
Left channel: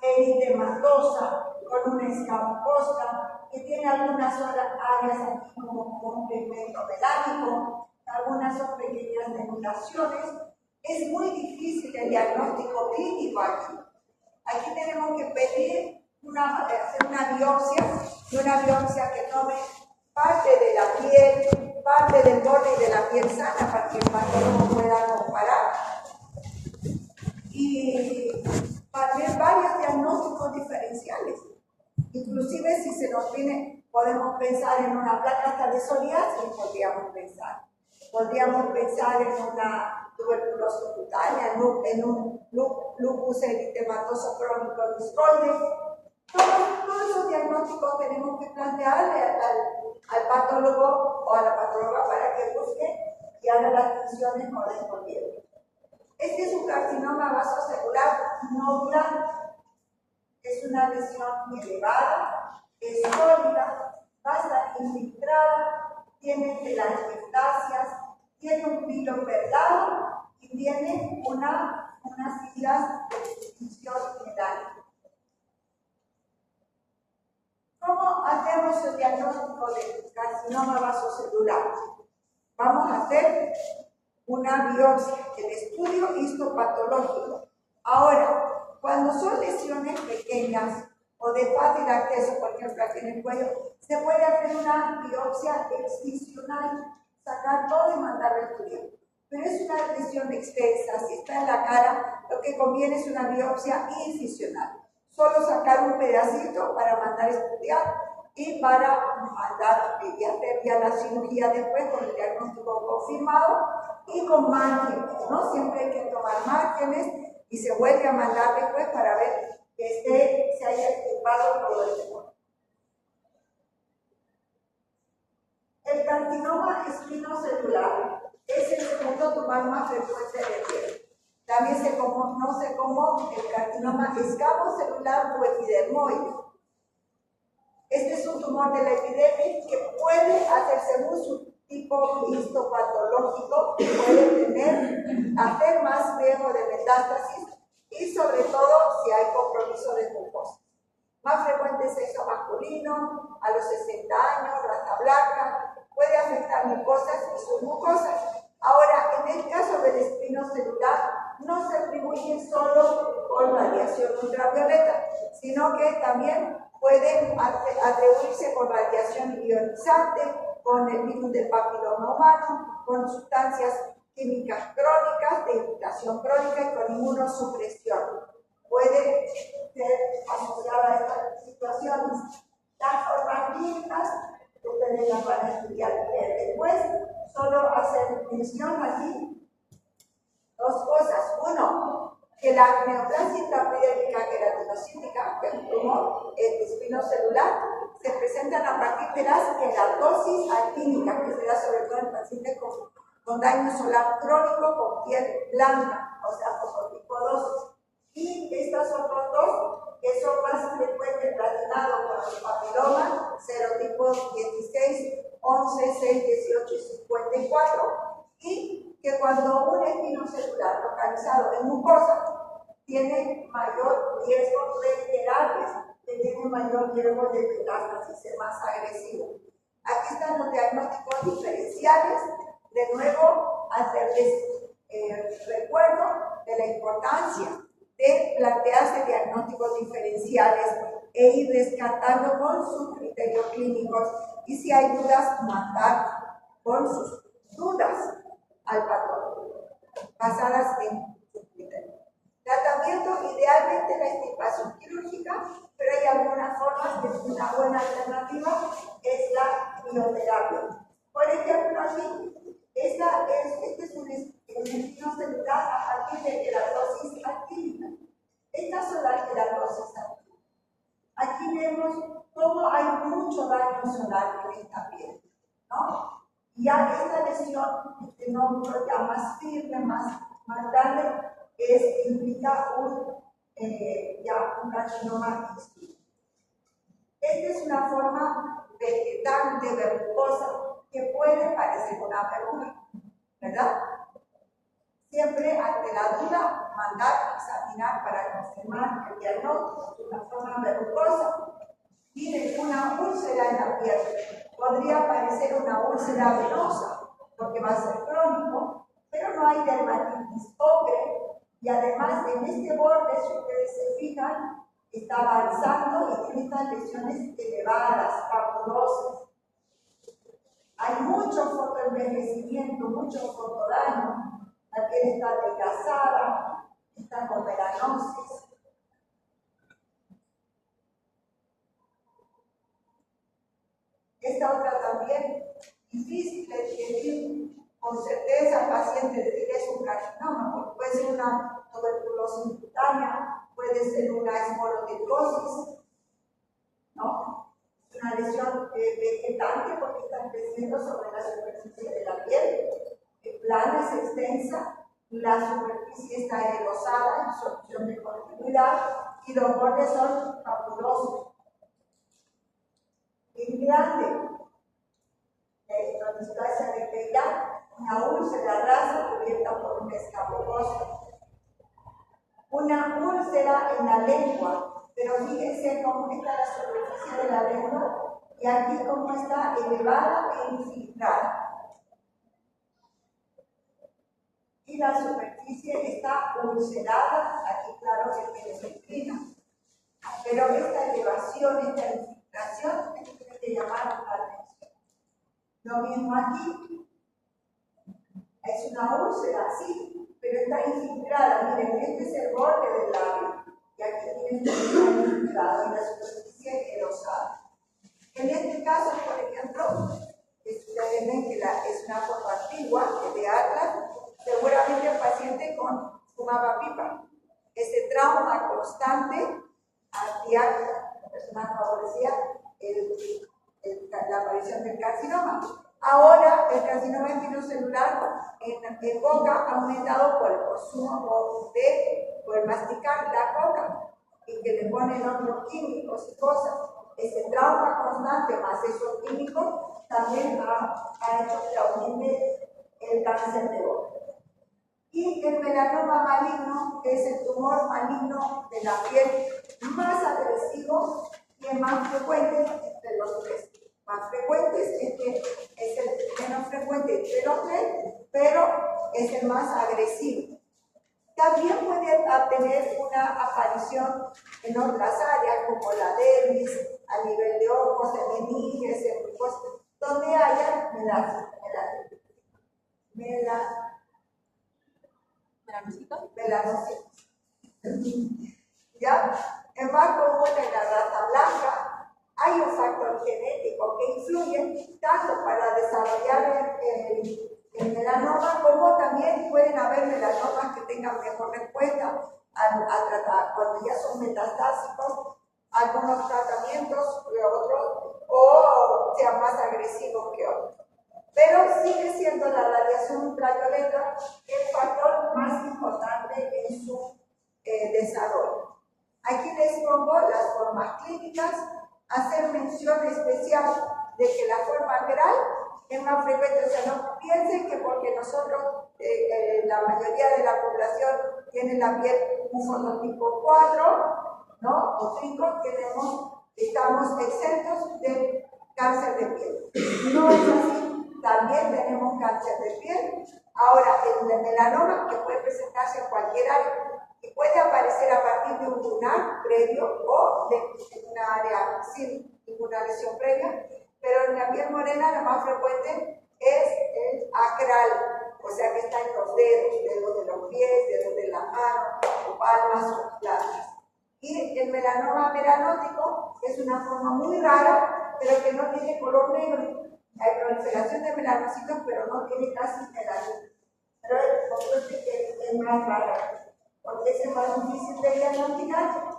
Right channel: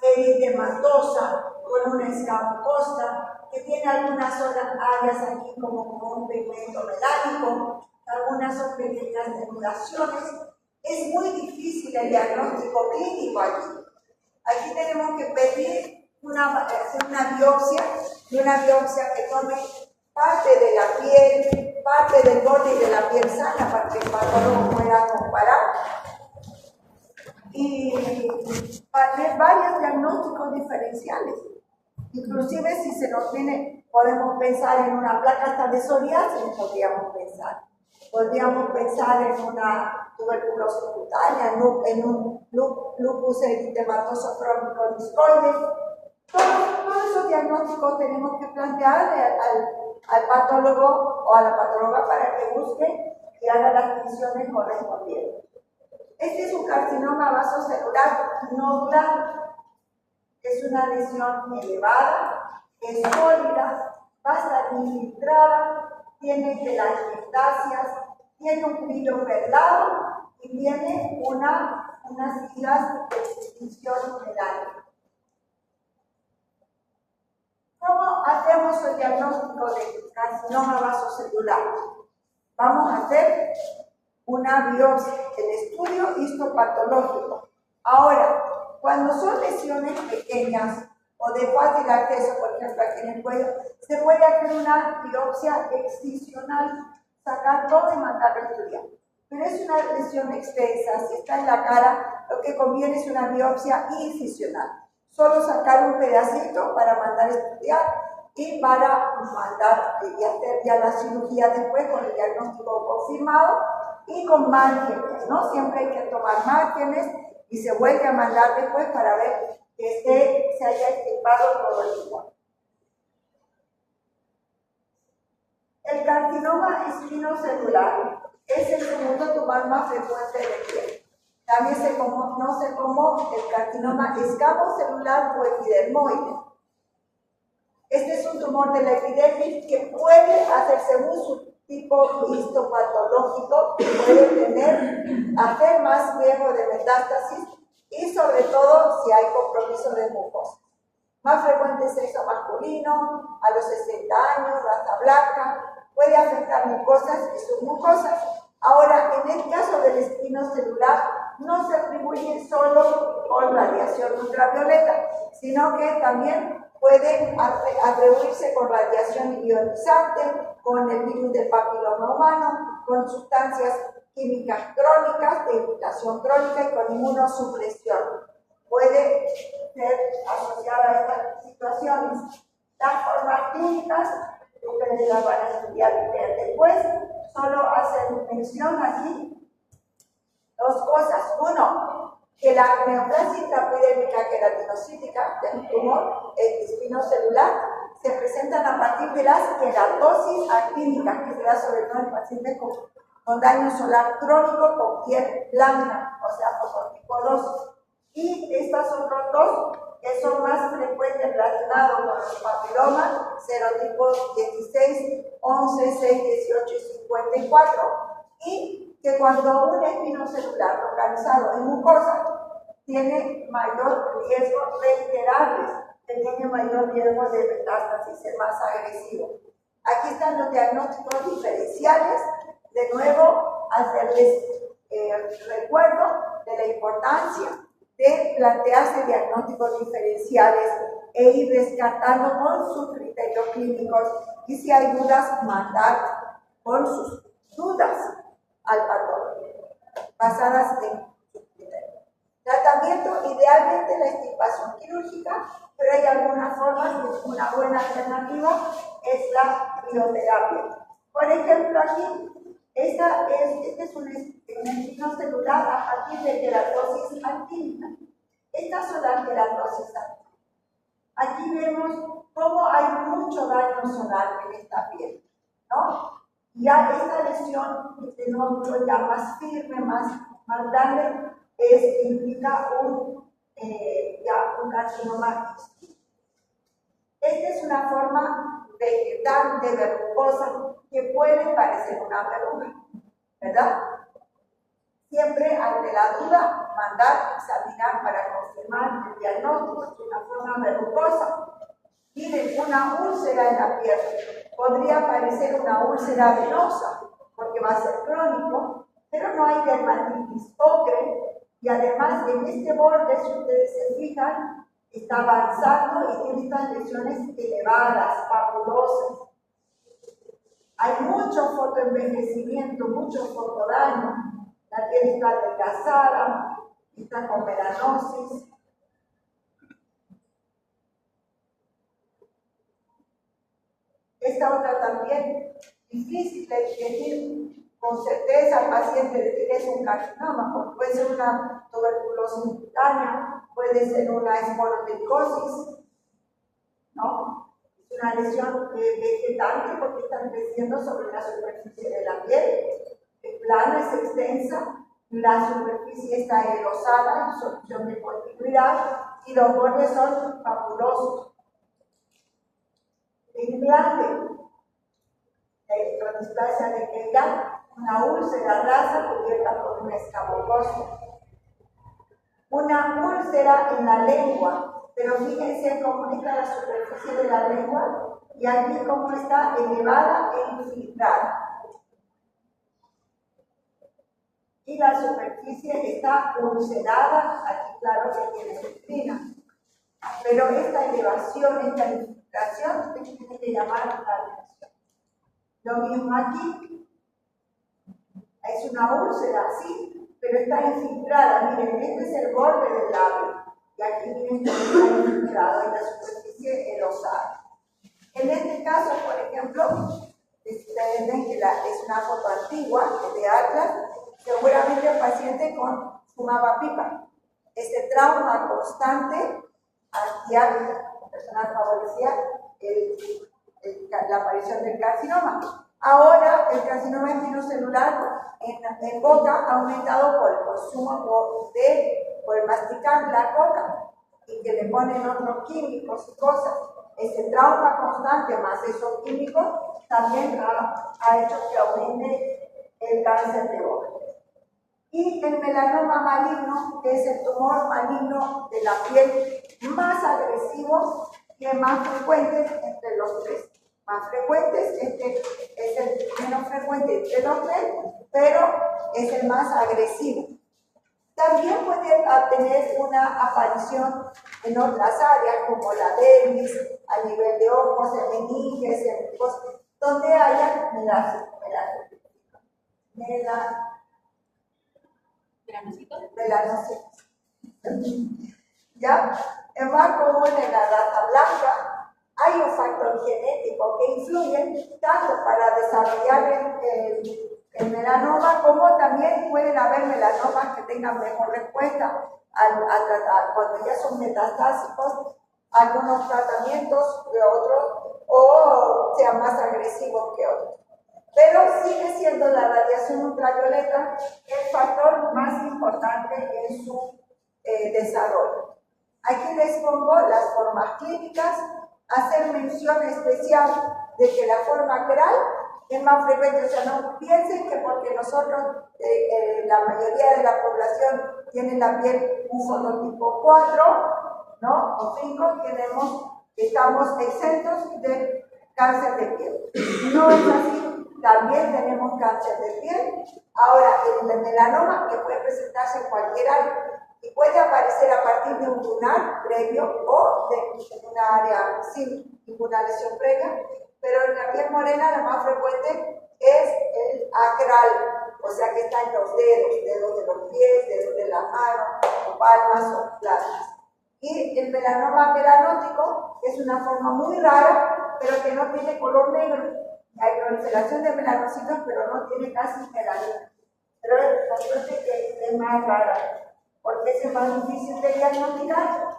eritematosa, con una escamocosta, que tiene algunas otras áreas aquí como con un pigmento melánico, algunas son pequeñas denuduraciones. Es muy difícil el diagnóstico clínico aquí. Aquí tenemos que pedir hacer una biopsia, y una biopsia que tome parte de la piel, parte del borde de la piel sana para que el patólogo pueda comparar. Y hacer varios diagnósticos diferenciales. Inclusive si se nos viene, podemos pensar en una placa hasta de psoriasis, podríamos pensar en una tuberculosis cutánea, en un lupus eritematoso crónico discoide. Todos esos diagnósticos tenemos que plantearle al patólogo o a la patóloga para que busque y haga las funciones correspondientes. Este es un carcinoma vasocelular nodular. Es una lesión elevada, es sólida, va a estar infiltrada, tiene telangiectasias, tiene un brillo perlado y tiene unas islas de distinción melánica. ¿Cómo hacemos el diagnóstico del carcinoma vasocelular? Vamos a hacer una biopsia, el estudio histopatológico. Ahora, cuando son lesiones pequeñas o de fácil acceso, por ejemplo aquí en el cuello, se puede hacer una biopsia excisional, sacar todo y mandarlo a estudiar. Pero es una lesión extensa, si está en la cara, lo que conviene es una biopsia incisional. Solo sacar un pedacito para mandar a estudiar y para mandar y hacer ya la cirugía después con el diagnóstico confirmado y con márgenes, ¿no? Siempre hay que tomar márgenes y se vuelve a mandar después para ver que se haya extirpado todo el tumor. El carcinoma espinocelular es el segundo tumor más frecuente de piel. También se conoce como el carcinoma escamocelular o epidermoide. Este es un tumor de la epidermis que puede hacer, según su tipo histopatológico, puede hacer más riesgo de metástasis y sobre todo si hay compromiso de mucosa. Más frecuente sexo masculino, a los 60 años, raza blanca, puede afectar mucosas y submucosas. Ahora, en el caso del espinocelular, no se atribuye solo con radiación ultravioleta, sino que también pueden atribuirse con radiación ionizante, con el virus del papiloma humano, con sustancias químicas crónicas, de infiltración crónica y con inmunosupresión. Puede ser asociada a estas situaciones. Las formas clínicas, ustedes las van a estudiar y leer después, solo hacen mención aquí dos cosas. Uno, que la neoplasia intraepidérmica queratinocítica, que es un tumor espinocelular, se presentan a partir de las queratosis actínicas, que se da sobre todo en pacientes con daño solar crónico con piel blanca, o sea, con tipo 2. Y estas otras dos, que son más frecuentes relacionados con los papilomas, serotipos 16, 11, 6, 18 y 54. Y que cuando un espinocelular localizado en mucosa tiene mayor riesgo de iterarles, que tiene mayor riesgo de metástasis, ser más agresivo. Aquí están los diagnósticos diferenciales. De nuevo, hacerles recuerdo de la importancia de plantearse diagnósticos diferenciales e ir descartando con sus criterios clínicos y si hay dudas, mandar con sus dudas al patólogo, basadas en sus criterios. Tratamiento, idealmente la extirpación quirúrgica, pero hay algunas formas que es una buena alternativa, es la bioterapia. Por ejemplo, aquí, este es un espinocelular a partir de queratosis actínica. Estas son las queratosis actínicas. Aquí vemos cómo hay mucho daño solar en esta piel, ¿no? Ya esta lesión, este nódulo ya más firme, más grande, implica un carcinoma extinto. Esta es una forma vegetal de verrucosa que puede parecer una verruga, ¿verdad? Siempre ante la duda, mandar examinar para confirmar el diagnóstico. Es una forma verrucosa. Miren, una úlcera en la piel podría parecer una úlcera venosa, porque va a ser crónico, pero no hay dermatitis ocre, y además en este borde, si ustedes se fijan, está avanzando y tiene estas lesiones elevadas, papulosas. Hay mucho fotoenvejecimiento, mucho fotodaño. La piel está adelgazada, está con melanosis. Esta otra también, difícil de decir con certeza al paciente decir es un carcinoma, porque puede ser una tuberculosis cutánea, puede ser una esporotricosis, ¿no? Es una lesión vegetante porque están creciendo sobre la superficie de la piel, es plana, es extensa, la superficie está engrosada en solución de continuidad y los bordes son papulosos. En grande, la electrodisplasia de Keiran, una úlcera rasa cubierta por un escamocoso. Una úlcera en la lengua, pero fíjense cómo está la superficie de la lengua y aquí cómo está elevada e infiltrada. Y la superficie está ulcerada, aquí claro que tiene citrina. Pero esta elevación, esta infiltración, tiene que llamar la atención. Lo mismo aquí, es una úlcera, sí, pero está infiltrada. Miren, este es el borde del labio, y aquí miren que está infiltrado en la superficie erosada. En este caso, por ejemplo, ustedes ven que es una foto antigua, de Atlas, seguramente el paciente fumaba pipa. Este trauma constante hacía que la persona favorecía la aparición del carcinoma. Ahora, el carcinoma espinocelular en boca ha aumentado por el consumo por el masticar la coca y que le ponen otros químicos y cosas. Ese trauma constante más esos químicos también ha hecho que aumente el cáncer de boca. Y el melanoma maligno, que es el tumor maligno de la piel más agresivo y el más frecuente entre los tres. Más frecuentes, este es el menos frecuente de los tres, pero es el más agresivo. También puede tener una aparición en otras áreas, como la dermis, a nivel de ojos, en meninges, en mucosas, donde haya melanocitos. ¿Ya? En más común en la raza blanca hay un factor genético que influye tanto para desarrollar el melanoma como también pueden haber melanomas que tengan mejor respuesta a tratar cuando ya son metastásicos, algunos tratamientos que otros o sean más agresivos que otros. Pero sigue siendo la radiación ultravioleta el factor más importante en su desarrollo. Aquí les pongo las formas clínicas, hacer mención especial de que la forma cral es más frecuente, o sea, no piensen que porque nosotros, la mayoría de la población tiene la piel un fototipo 4, ¿no? O 5, estamos exentos de cáncer de piel. No es así, también tenemos cáncer de piel. Ahora, el melanoma, que puede presentarse en cualquier área, y puede aparecer a partir de un lunar previo o en una área sin ninguna lesión previa, pero en la piel morena la más frecuente es el acral, o sea que está en los dedos de los pies, dedos de la mano, o palmas o plantas. Y el melanoma melanótico es una forma muy rara, pero que no tiene color negro. Hay proliferación de melanocitos, pero no tiene casi melanina. Pero por suerte que es más rara, porque es más difícil de diagnosticar.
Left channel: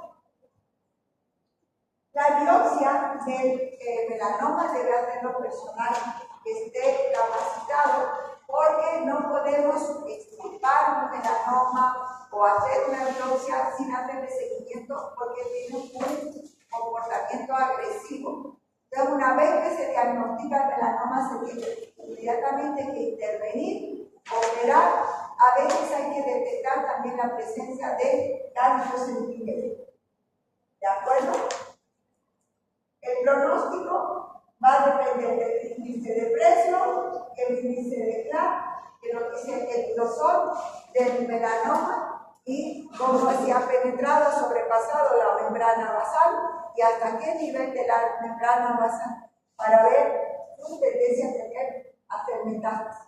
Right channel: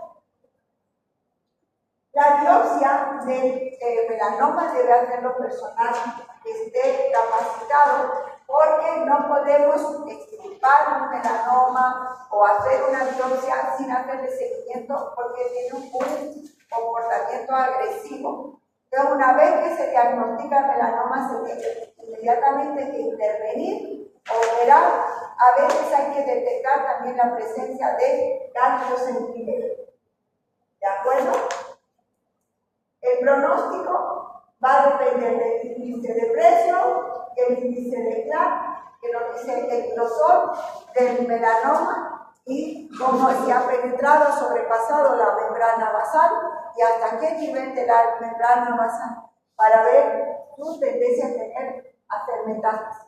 La biopsia del melanoma debe hacerlo personal que esté capacitado, porque no podemos extirpar un melanoma o hacer una biopsia sin hacerle seguimiento, porque tiene un comportamiento agresivo. Entonces, una vez que se diagnostica el melanoma, se tiene inmediatamente que intervenir, operar. A veces hay que detectar también la presencia de ganglios sentinela. ¿De acuerdo? El pronóstico va a depender del índice de presión, el índice de CLAP, que lo dice el grosor del melanoma y cómo se ha penetrado, sobrepasado la membrana basal y hasta qué nivel de la membrana basal, para ver su tendencia a hacer metástasis,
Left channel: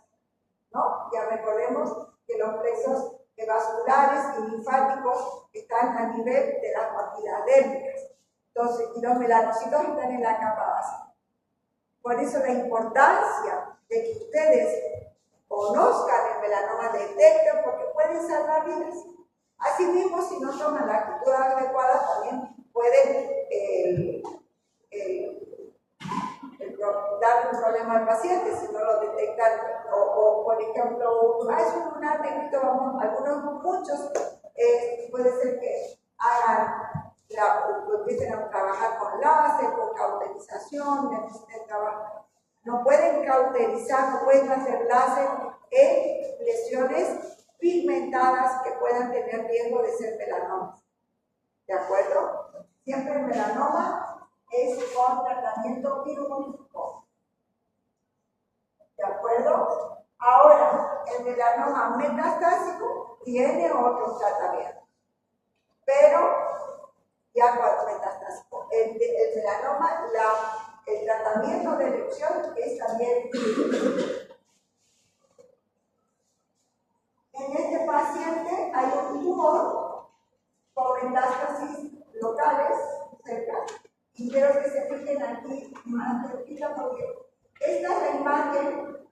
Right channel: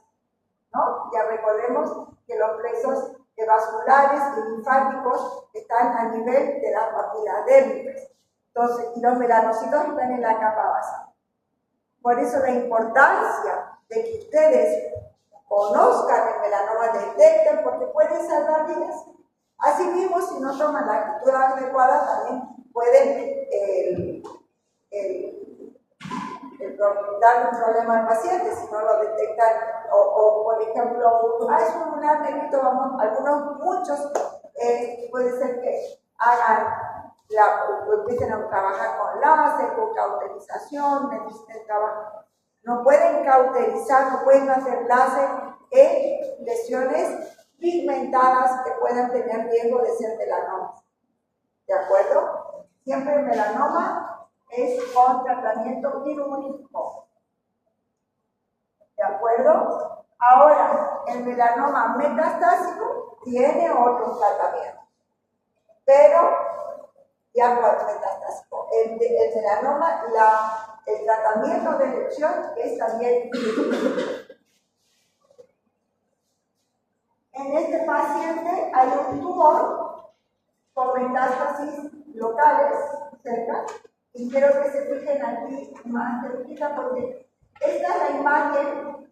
¿no? Ya recordemos que los plexos vasculares y linfáticos están a nivel de las papilas dérmicas. Entonces, y los melanocitos están en la capa basal. Por eso la importancia de que ustedes conozcan el melanoma, detecten, porque pueden salvar vidas. Asimismo, si no toman la actitud adecuada, también pueden darle un problema al paciente si no lo detectan, o por ejemplo, es un lunar negrito, muchos puede ser que hagan empiecen a trabajar con láser, con cauterización, necesiten trabajar. No pueden cauterizar, no pueden hacer láser en lesiones pigmentadas que puedan tener riesgo de ser melanomas. ¿De acuerdo? Siempre el melanoma es con tratamiento quirúrgico. ¿De acuerdo? Ahora, el melanoma metastásico tiene otros tratamientos, pero ya cuando metastásico. El melanoma, el tratamiento de elección es también quirúrgico. En este paciente hay un tumor con metástasis locales cerca, y quiero que se fijen aquí más cerquita, porque esta es la imagen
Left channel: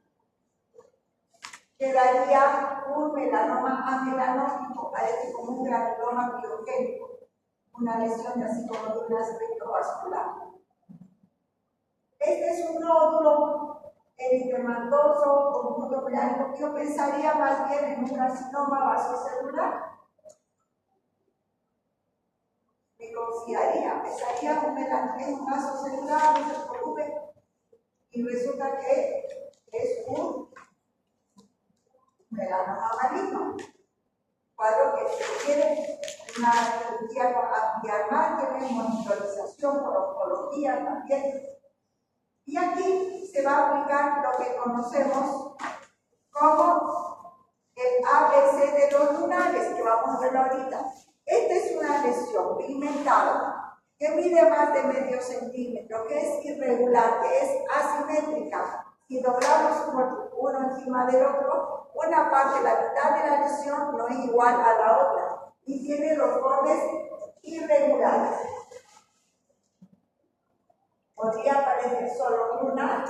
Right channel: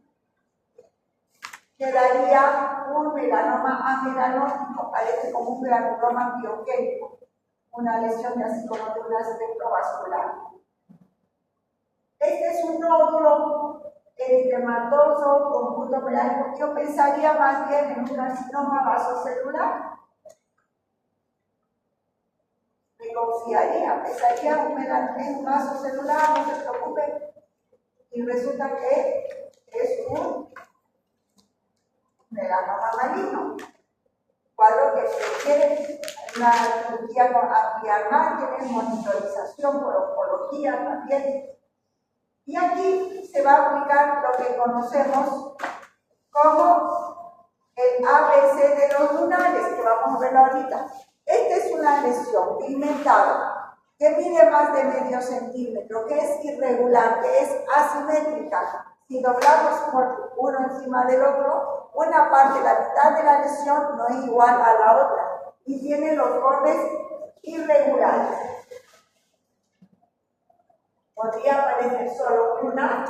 que daría un melanoma amenanótico, parece como un granuloma biogénico, una lesión de así como de un aspecto vascular. Este es un nódulo eritematoso con punto melánico. Yo pensaría más bien en un carcinoma vasocelular. Me confiaría, pensaría en un vasocelular, no se preocupe. Y resulta que es un melanoma maligno. Cuadro que requiere una cirugía con ampliar márgenes, monitorización por oncología también. Y aquí se va a aplicar lo que conocemos como el ABC de los lunares, que vamos a ver ahorita. Esta es una lesión pigmentada que mide más de medio centímetro, que es irregular, que es asimétrica. Si doblamos por uno encima del otro, una parte, la mitad de la lesión no es igual a la otra y tiene los bordes irregulares. Podría parecer solo lunar,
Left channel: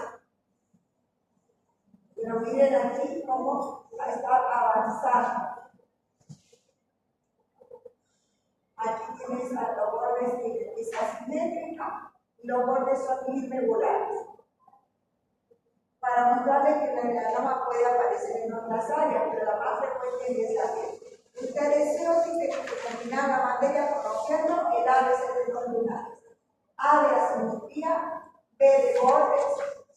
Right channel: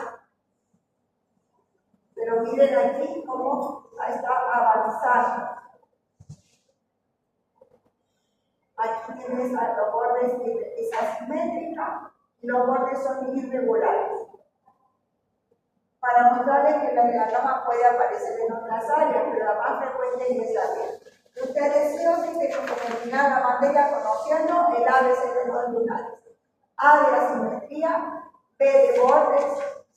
pero miren aquí cómo está avanzando. Aquí tienes los bordes, es asimétrica y los bordes son irregulares. Para mostrarles que la melanoma puede aparecer en otras áreas, pero la más frecuente es esa área. Usted deseo dice que terminar la materia conociendo el ABC de los lunares. A de asimetría, B de bordes,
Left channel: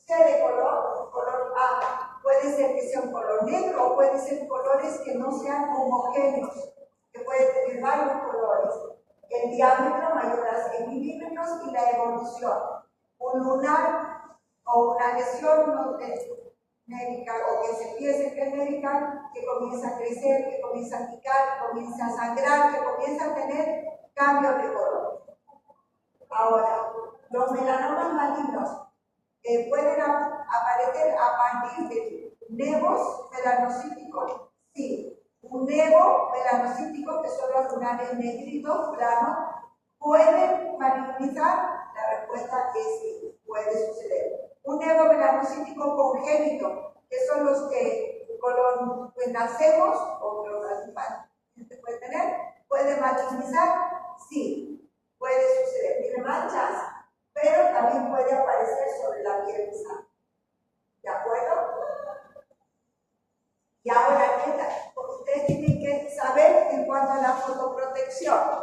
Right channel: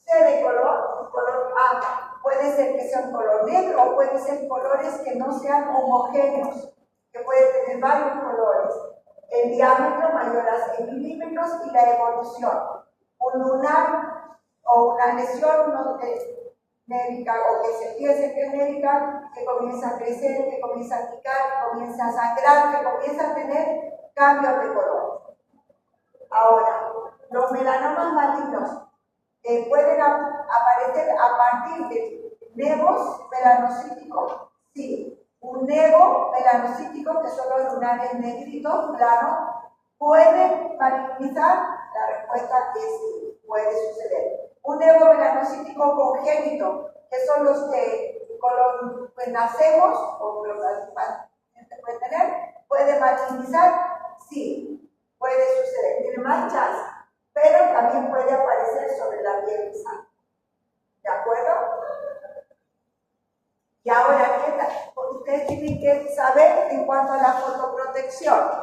C de color A. Puede ser que sea un color negro o puede ser colores que no sean homogéneos, que puede tener varios colores. El diámetro mayor a 6 milímetros y la evolución. Un lunar o una lesión médica o que se piense que es médica, que comienza a crecer, que comienza a picar, que comienza a sangrar, que comienza a tener cambios de color. Ahora, los melanomas malignos pueden aparecer a partir de nevos melanocíticos. Sí, un nevo melanocítico, que son los lunares negritos, planos, ¿pueden malignizar? La respuesta es sí, puede suceder. Un nevo melanocítico congénito, que son los que pues, nacemos, o los pacientes pueden tener, ¿puede malignizar? Sí, puede suceder. Tiene manchas, pero también puede aparecer sobre la piel sana. ¿De acuerdo? Y ahora, ¿qué tal? Ustedes tienen que saber en cuanto a la fotoprotección.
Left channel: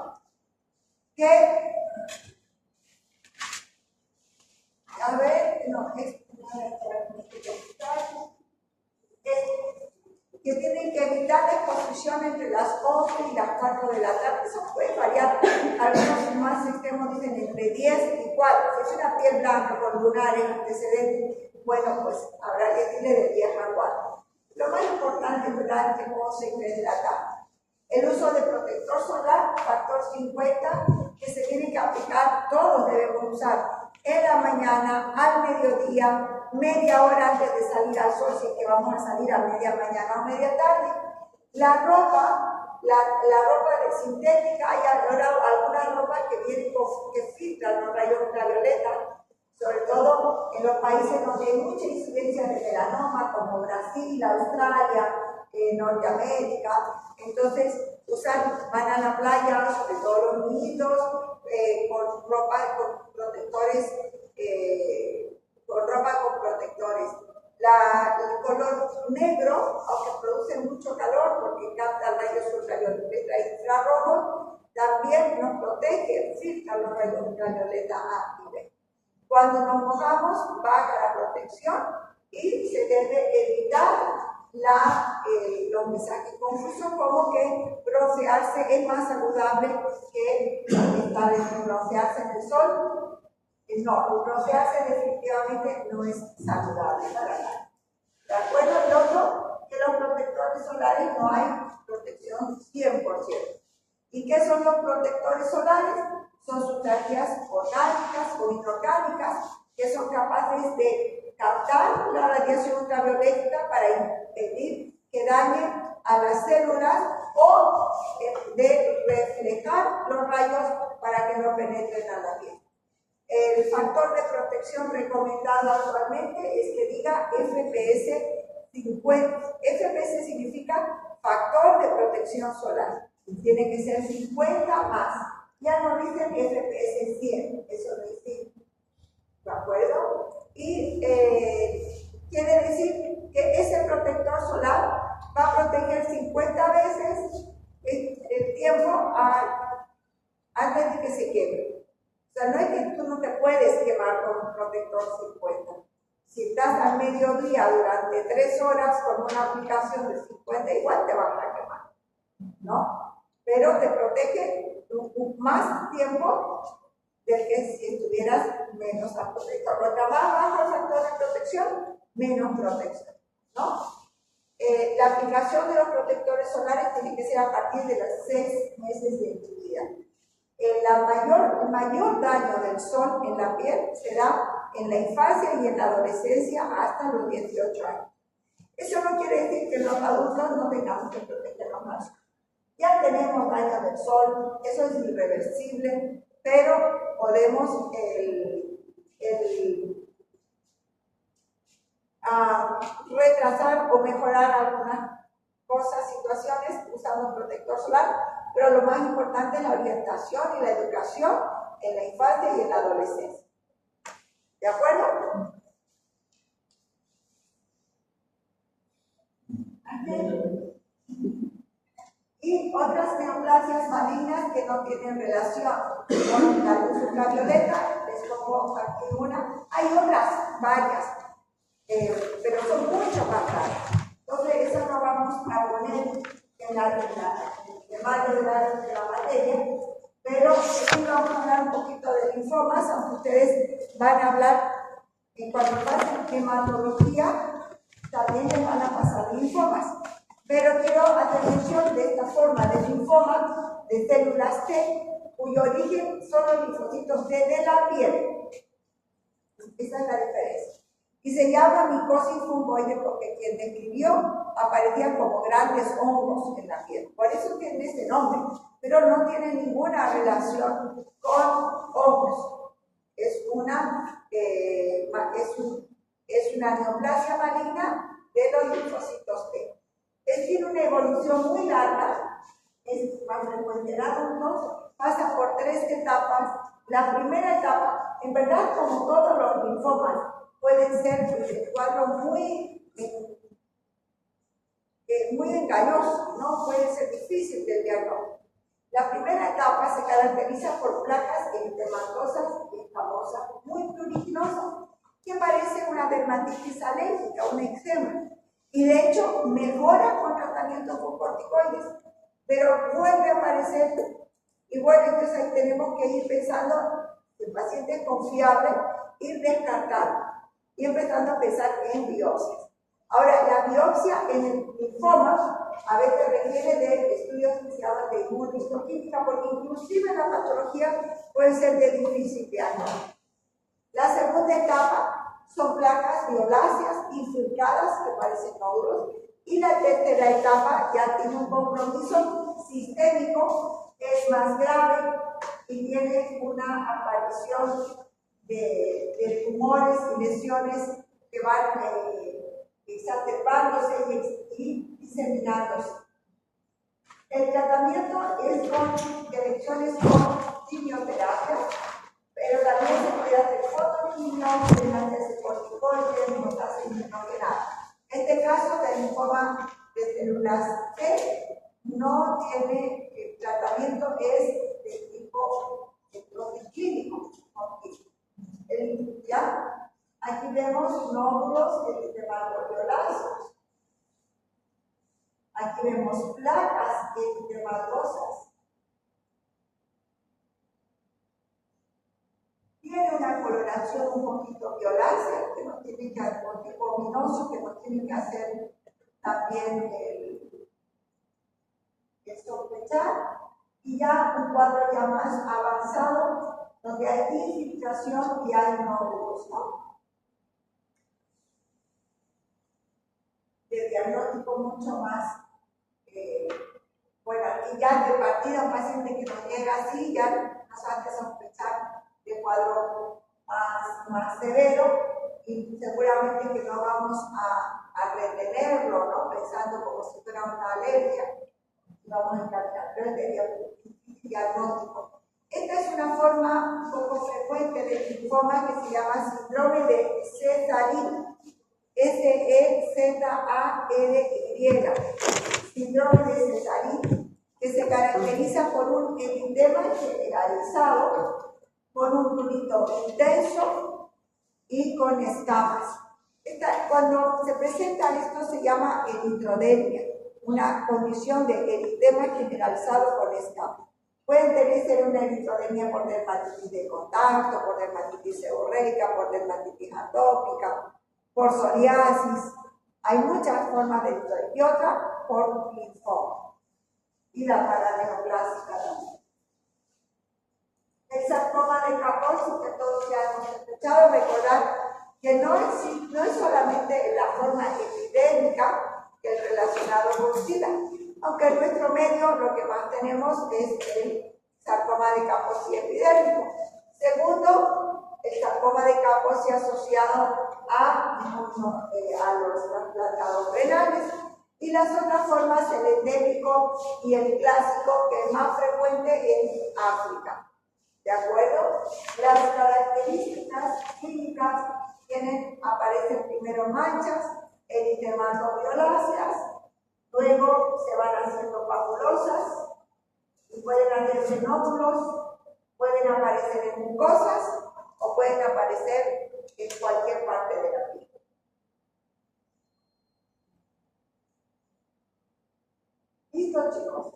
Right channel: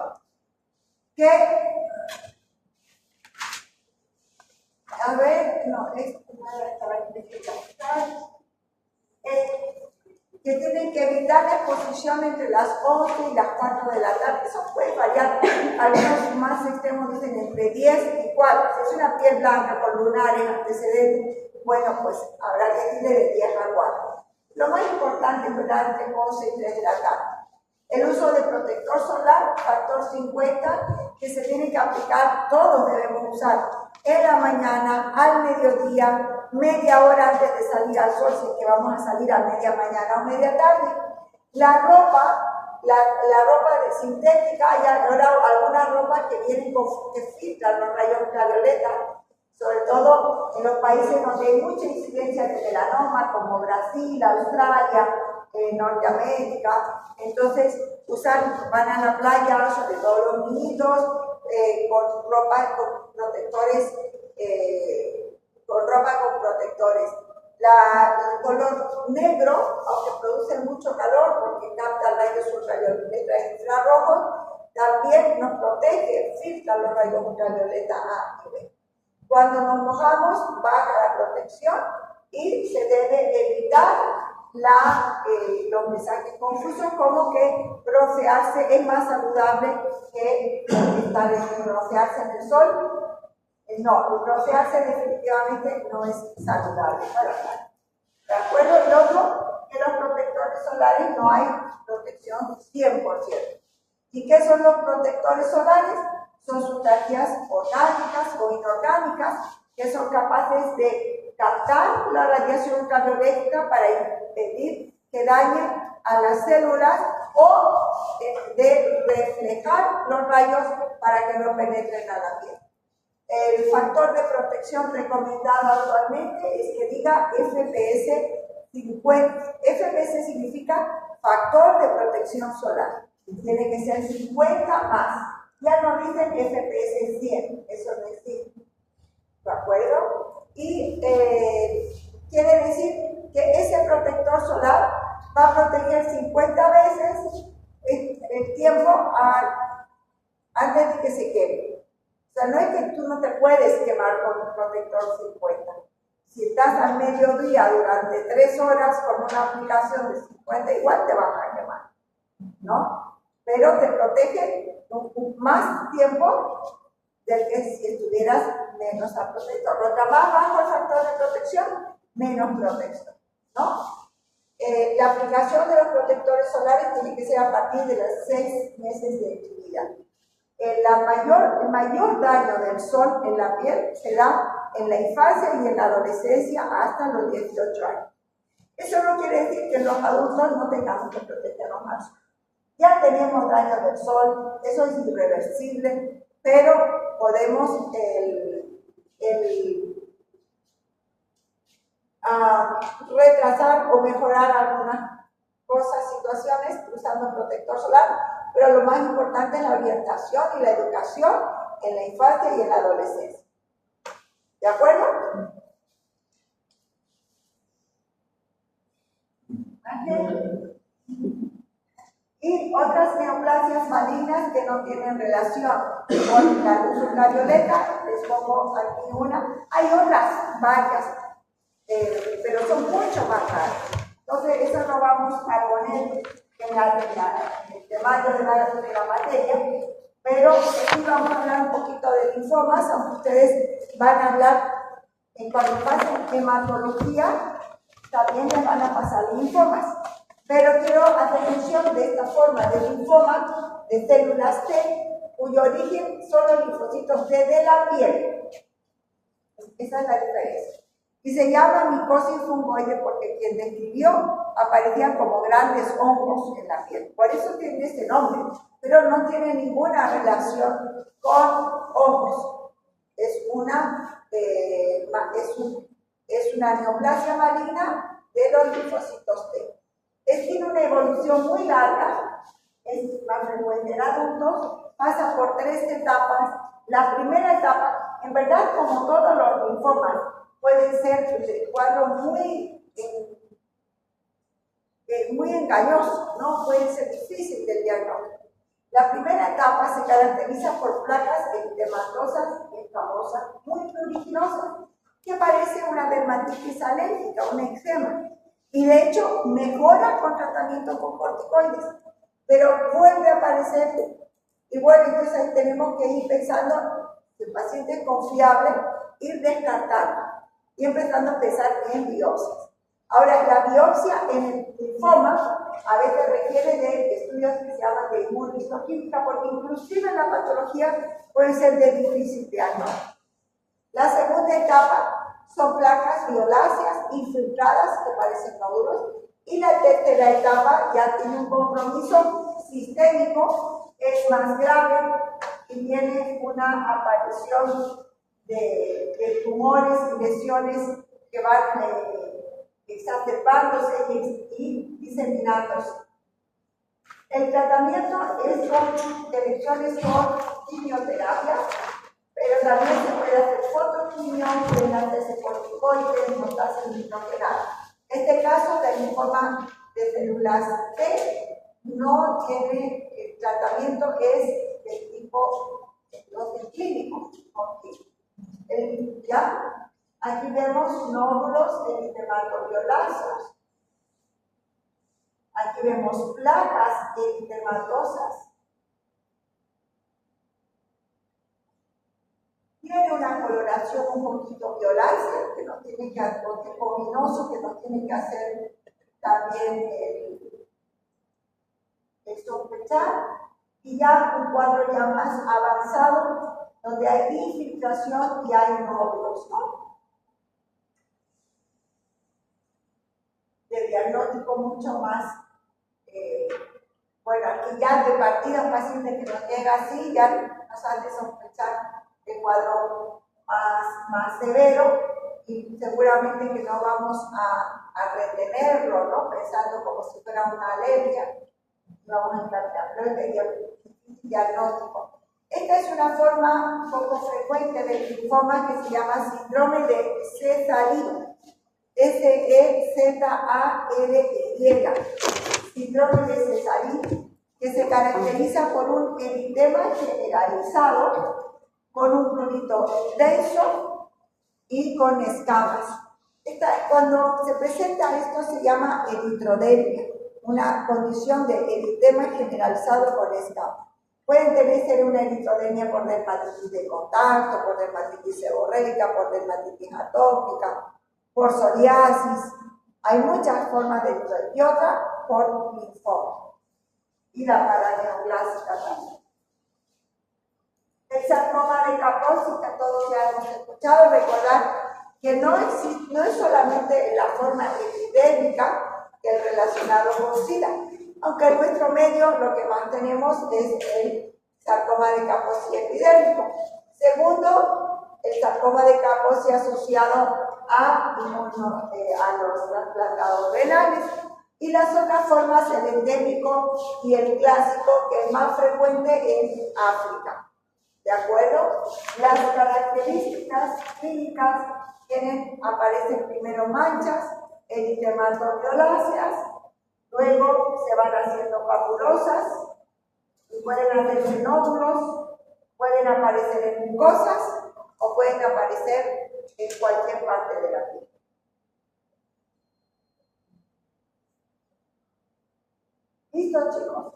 Que tienen que evitar la exposición entre las 11 y las 4 de la tarde. Eso puede variar. Algunos más extremos dicen entre 10 y 4. Si es una piel blanca con lunares antecedentes, bueno, pues habrá que decirle de 10 a 4. Lo más importante es durante 11 y 3 de la tarde. El uso de protector solar, factor 50, que se tiene que aplicar, todos debemos usar en la mañana, al mediodía, media hora antes de salir al sol, si es que vamos a salir a media mañana o media tarde. La ropa sintética, hay algunas ropas que vienen que filtran los rayos ultravioleta, sobre todo en los países donde hay mucha incidencia de melanoma, como Brasil, Australia, Norteamérica. Entonces, van a la playa, sobre todo los niñitos, con ropa con protectores, el color negro, aunque produce mucho calor porque capta rayos ultravioleta e infrarrojos, también nos protege, filtra los rayos ultravioleta A y B. Cuando nos mojamos, baja la protección y se debe evitar los mensajes confusos, como que broncearse es más saludable que broncearse en el sol. No, broncearse definitivamente no es saludable para nada. ¿De acuerdo? El otro, que los protectores solares no hay protección 100%. ¿Y qué son los protectores solares? Son sustancias orgánicas o inorgánicas que son capaces de captar la radiación ultravioleta para impedir que dañe a las células o de reflejar los rayos para que no penetren a la piel. El factor de protección recomendado actualmente es que diga FPS 50. FPS significa factor de protección solar. Tiene que ser 50 más. Ya no dicen FPS 100, eso no existe. ¿De acuerdo? Y quiere decir que ese protector solar va a proteger 50 veces el tiempo antes de que se queme. O sea, no es que tú no te puedes quemar con un protector 50. Si estás al mediodía durante 3 horas con una aplicación de 50, igual te vas a quemar, ¿no? Pero te protege más tiempo del que si estuvieras menos al protector. Cuanto más bajo el factor de protección, menos protección, ¿no? La aplicación de los protectores solares tiene que ser a partir de los 6 meses de vida. el mayor daño del sol en la piel se da en la infancia y en la adolescencia hasta los 18 años. Eso no quiere decir que los adultos no tengamos que protegernos más. Ya tenemos daño del sol, eso es irreversible, pero podemos retrasar o mejorar algunas cosas, situaciones usando protector solar, pero lo más importante es la orientación y la educación en la infancia y en la adolescencia. ¿De acuerdo? Y otras neoplasias malignas que no tienen relación con la luz ultravioleta, les pongo aquí una. Hay otras, varias, pero son mucho más raras. Entonces, eso lo vamos a poner en el temario de la materia, pero sí vamos a hablar un poquito de linfomas, aunque ustedes van a hablar en cuanto a hematología, también les van a pasar linfomas. Pero quiero hacer mención de esta forma de linfoma de células T, cuyo origen son los linfocitos T de la piel. Esa es la diferencia. Y se llama micosis fungoide porque quien describió aparecían como grandes hongos en la piel. Por eso tiene ese nombre, pero no tiene ninguna relación con hongos. Es una neoplasia maligna de los linfocitos T. Tiene una evolución muy larga, es más frecuente en adultos, pasa por 3 etapas. La primera etapa, en verdad, como todos los linfomas, pueden ser cuadros muy engañosos, ¿no? Puede ser difícil del diagnóstico. La primera etapa se caracteriza por placas eritematosas y escamosas muy pruriginosas, que parecen una dermatitis alérgica, un eczema. Y de hecho mejora con tratamiento con corticoides, pero vuelve a aparecer. Y bueno, entonces ahí tenemos que ir pensando, si el paciente es confiable, ir descartando y empezando a pensar en biopsias. Ahora, la biopsia en el linfoma a veces requiere de estudios que se llaman de inmunohistoquímica, porque inclusive en la patología puede ser de difícil diagnóstico. La segunda etapa son placas violáceas infiltradas que parecen nódulos, y la tercera etapa ya tiene un compromiso sistémico, es más grave y tiene una aparición de tumores y lesiones que van exacerbándose y diseminándose. El tratamiento es con elecciones con quimioterapia, pero también se puede hacer fotoquimio, pueden hacerse corticoides, no hacen inmunoterapia. En este caso, el linfoma de células T no tiene, el tratamiento es del tipo clínico. ¿Ya? Aquí vemos nódulos eritematoviolaceos. Aquí vemos placas eritematosas. Tiene una coloración un poquito violácea, que no tiene que hacer, ominoso, que no tiene que hacer también el sospechar, y ya un cuadro ya más avanzado, donde hay infiltración y hay nódulos, ¿no? De diagnóstico mucho más, bueno, aquí ya de partida un paciente que nos llega así, ya nos hace sospechar de cuadro más severo, y seguramente que no vamos a retenerlo, ¿no? Pensando como si fuera una alergia, no vamos a encaminar, pero es diagnóstico. Esta es una forma poco frecuente del linfoma que se llama síndrome de Sézary, S-E-Z-A-R-Y, síndrome de Sézary, que se caracteriza por un eritema generalizado, con un prurito intenso y con escamas. Cuando se presenta esto se llama eritrodermia, una condición de eritema generalizado con escamas. Pueden tener una eritrodermia por dermatitis de contacto, por dermatitis seborreica, por dermatitis atópica, por psoriasis. Hay muchas formas de eritrodermia, y otra por linfoma. Y la paraneoplásica también. hayamos escuchado, recordar que no es solamente la forma epidémica que es relacionado con SIDA, aunque en nuestro medio lo que más tenemos es el sarcoma de Kaposi epidérmico. Segundo, el sarcoma de Kaposi asociado a los trasplantados renales. Y las otras formas, el endémico y el clásico, que es más frecuente en África. ¿De acuerdo? Las características clínicas aparecen primero manchas, eritematoviolaceas, luego se van haciendo papulosas, y pueden hacerse nódulos, pueden aparecer en mucosas o pueden aparecer en cualquier parte de la piel. ¿Listo, chicos?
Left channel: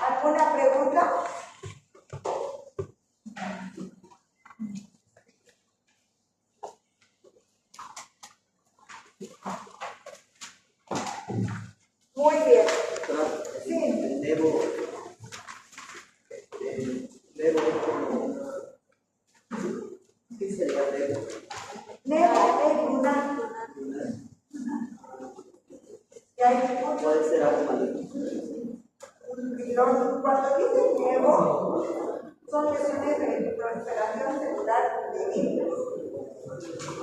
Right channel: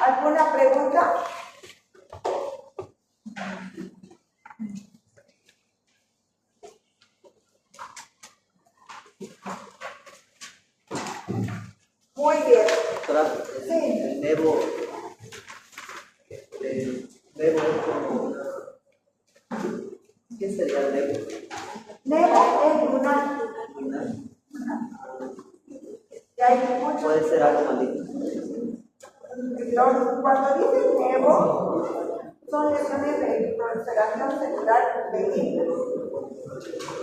¿Alguna pregunta? Muy bien. Sí. El nevo es como una... ¿Qué sería el nevo? Nevo es lunar. Y hay muchos. Puede ser algo maligno. Cuando dicen nevo, son lesiones de proliferación celular benigna.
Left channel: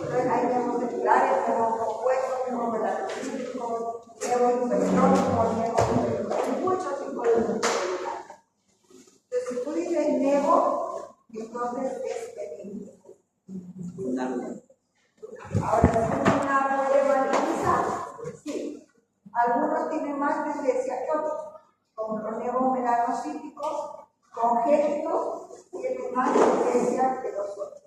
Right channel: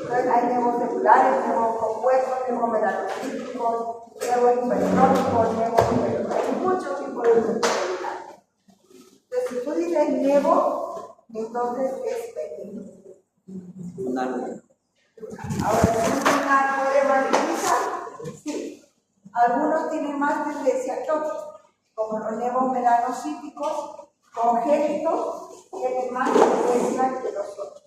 Entonces hay nevos celulares, nevos compuestos, nevos melanocíticos, nevo infeccioso, nevo infeccioso. Hay muchos tipos de nevos celulares. Entonces, si tú dices nevo, entonces es benigno. Ahora, ¿es una puede magnetizar? Sí. Algunos tienen más tendencia que otros, como los nevos melanocíticos congénitos tienen más tendencia que los otros.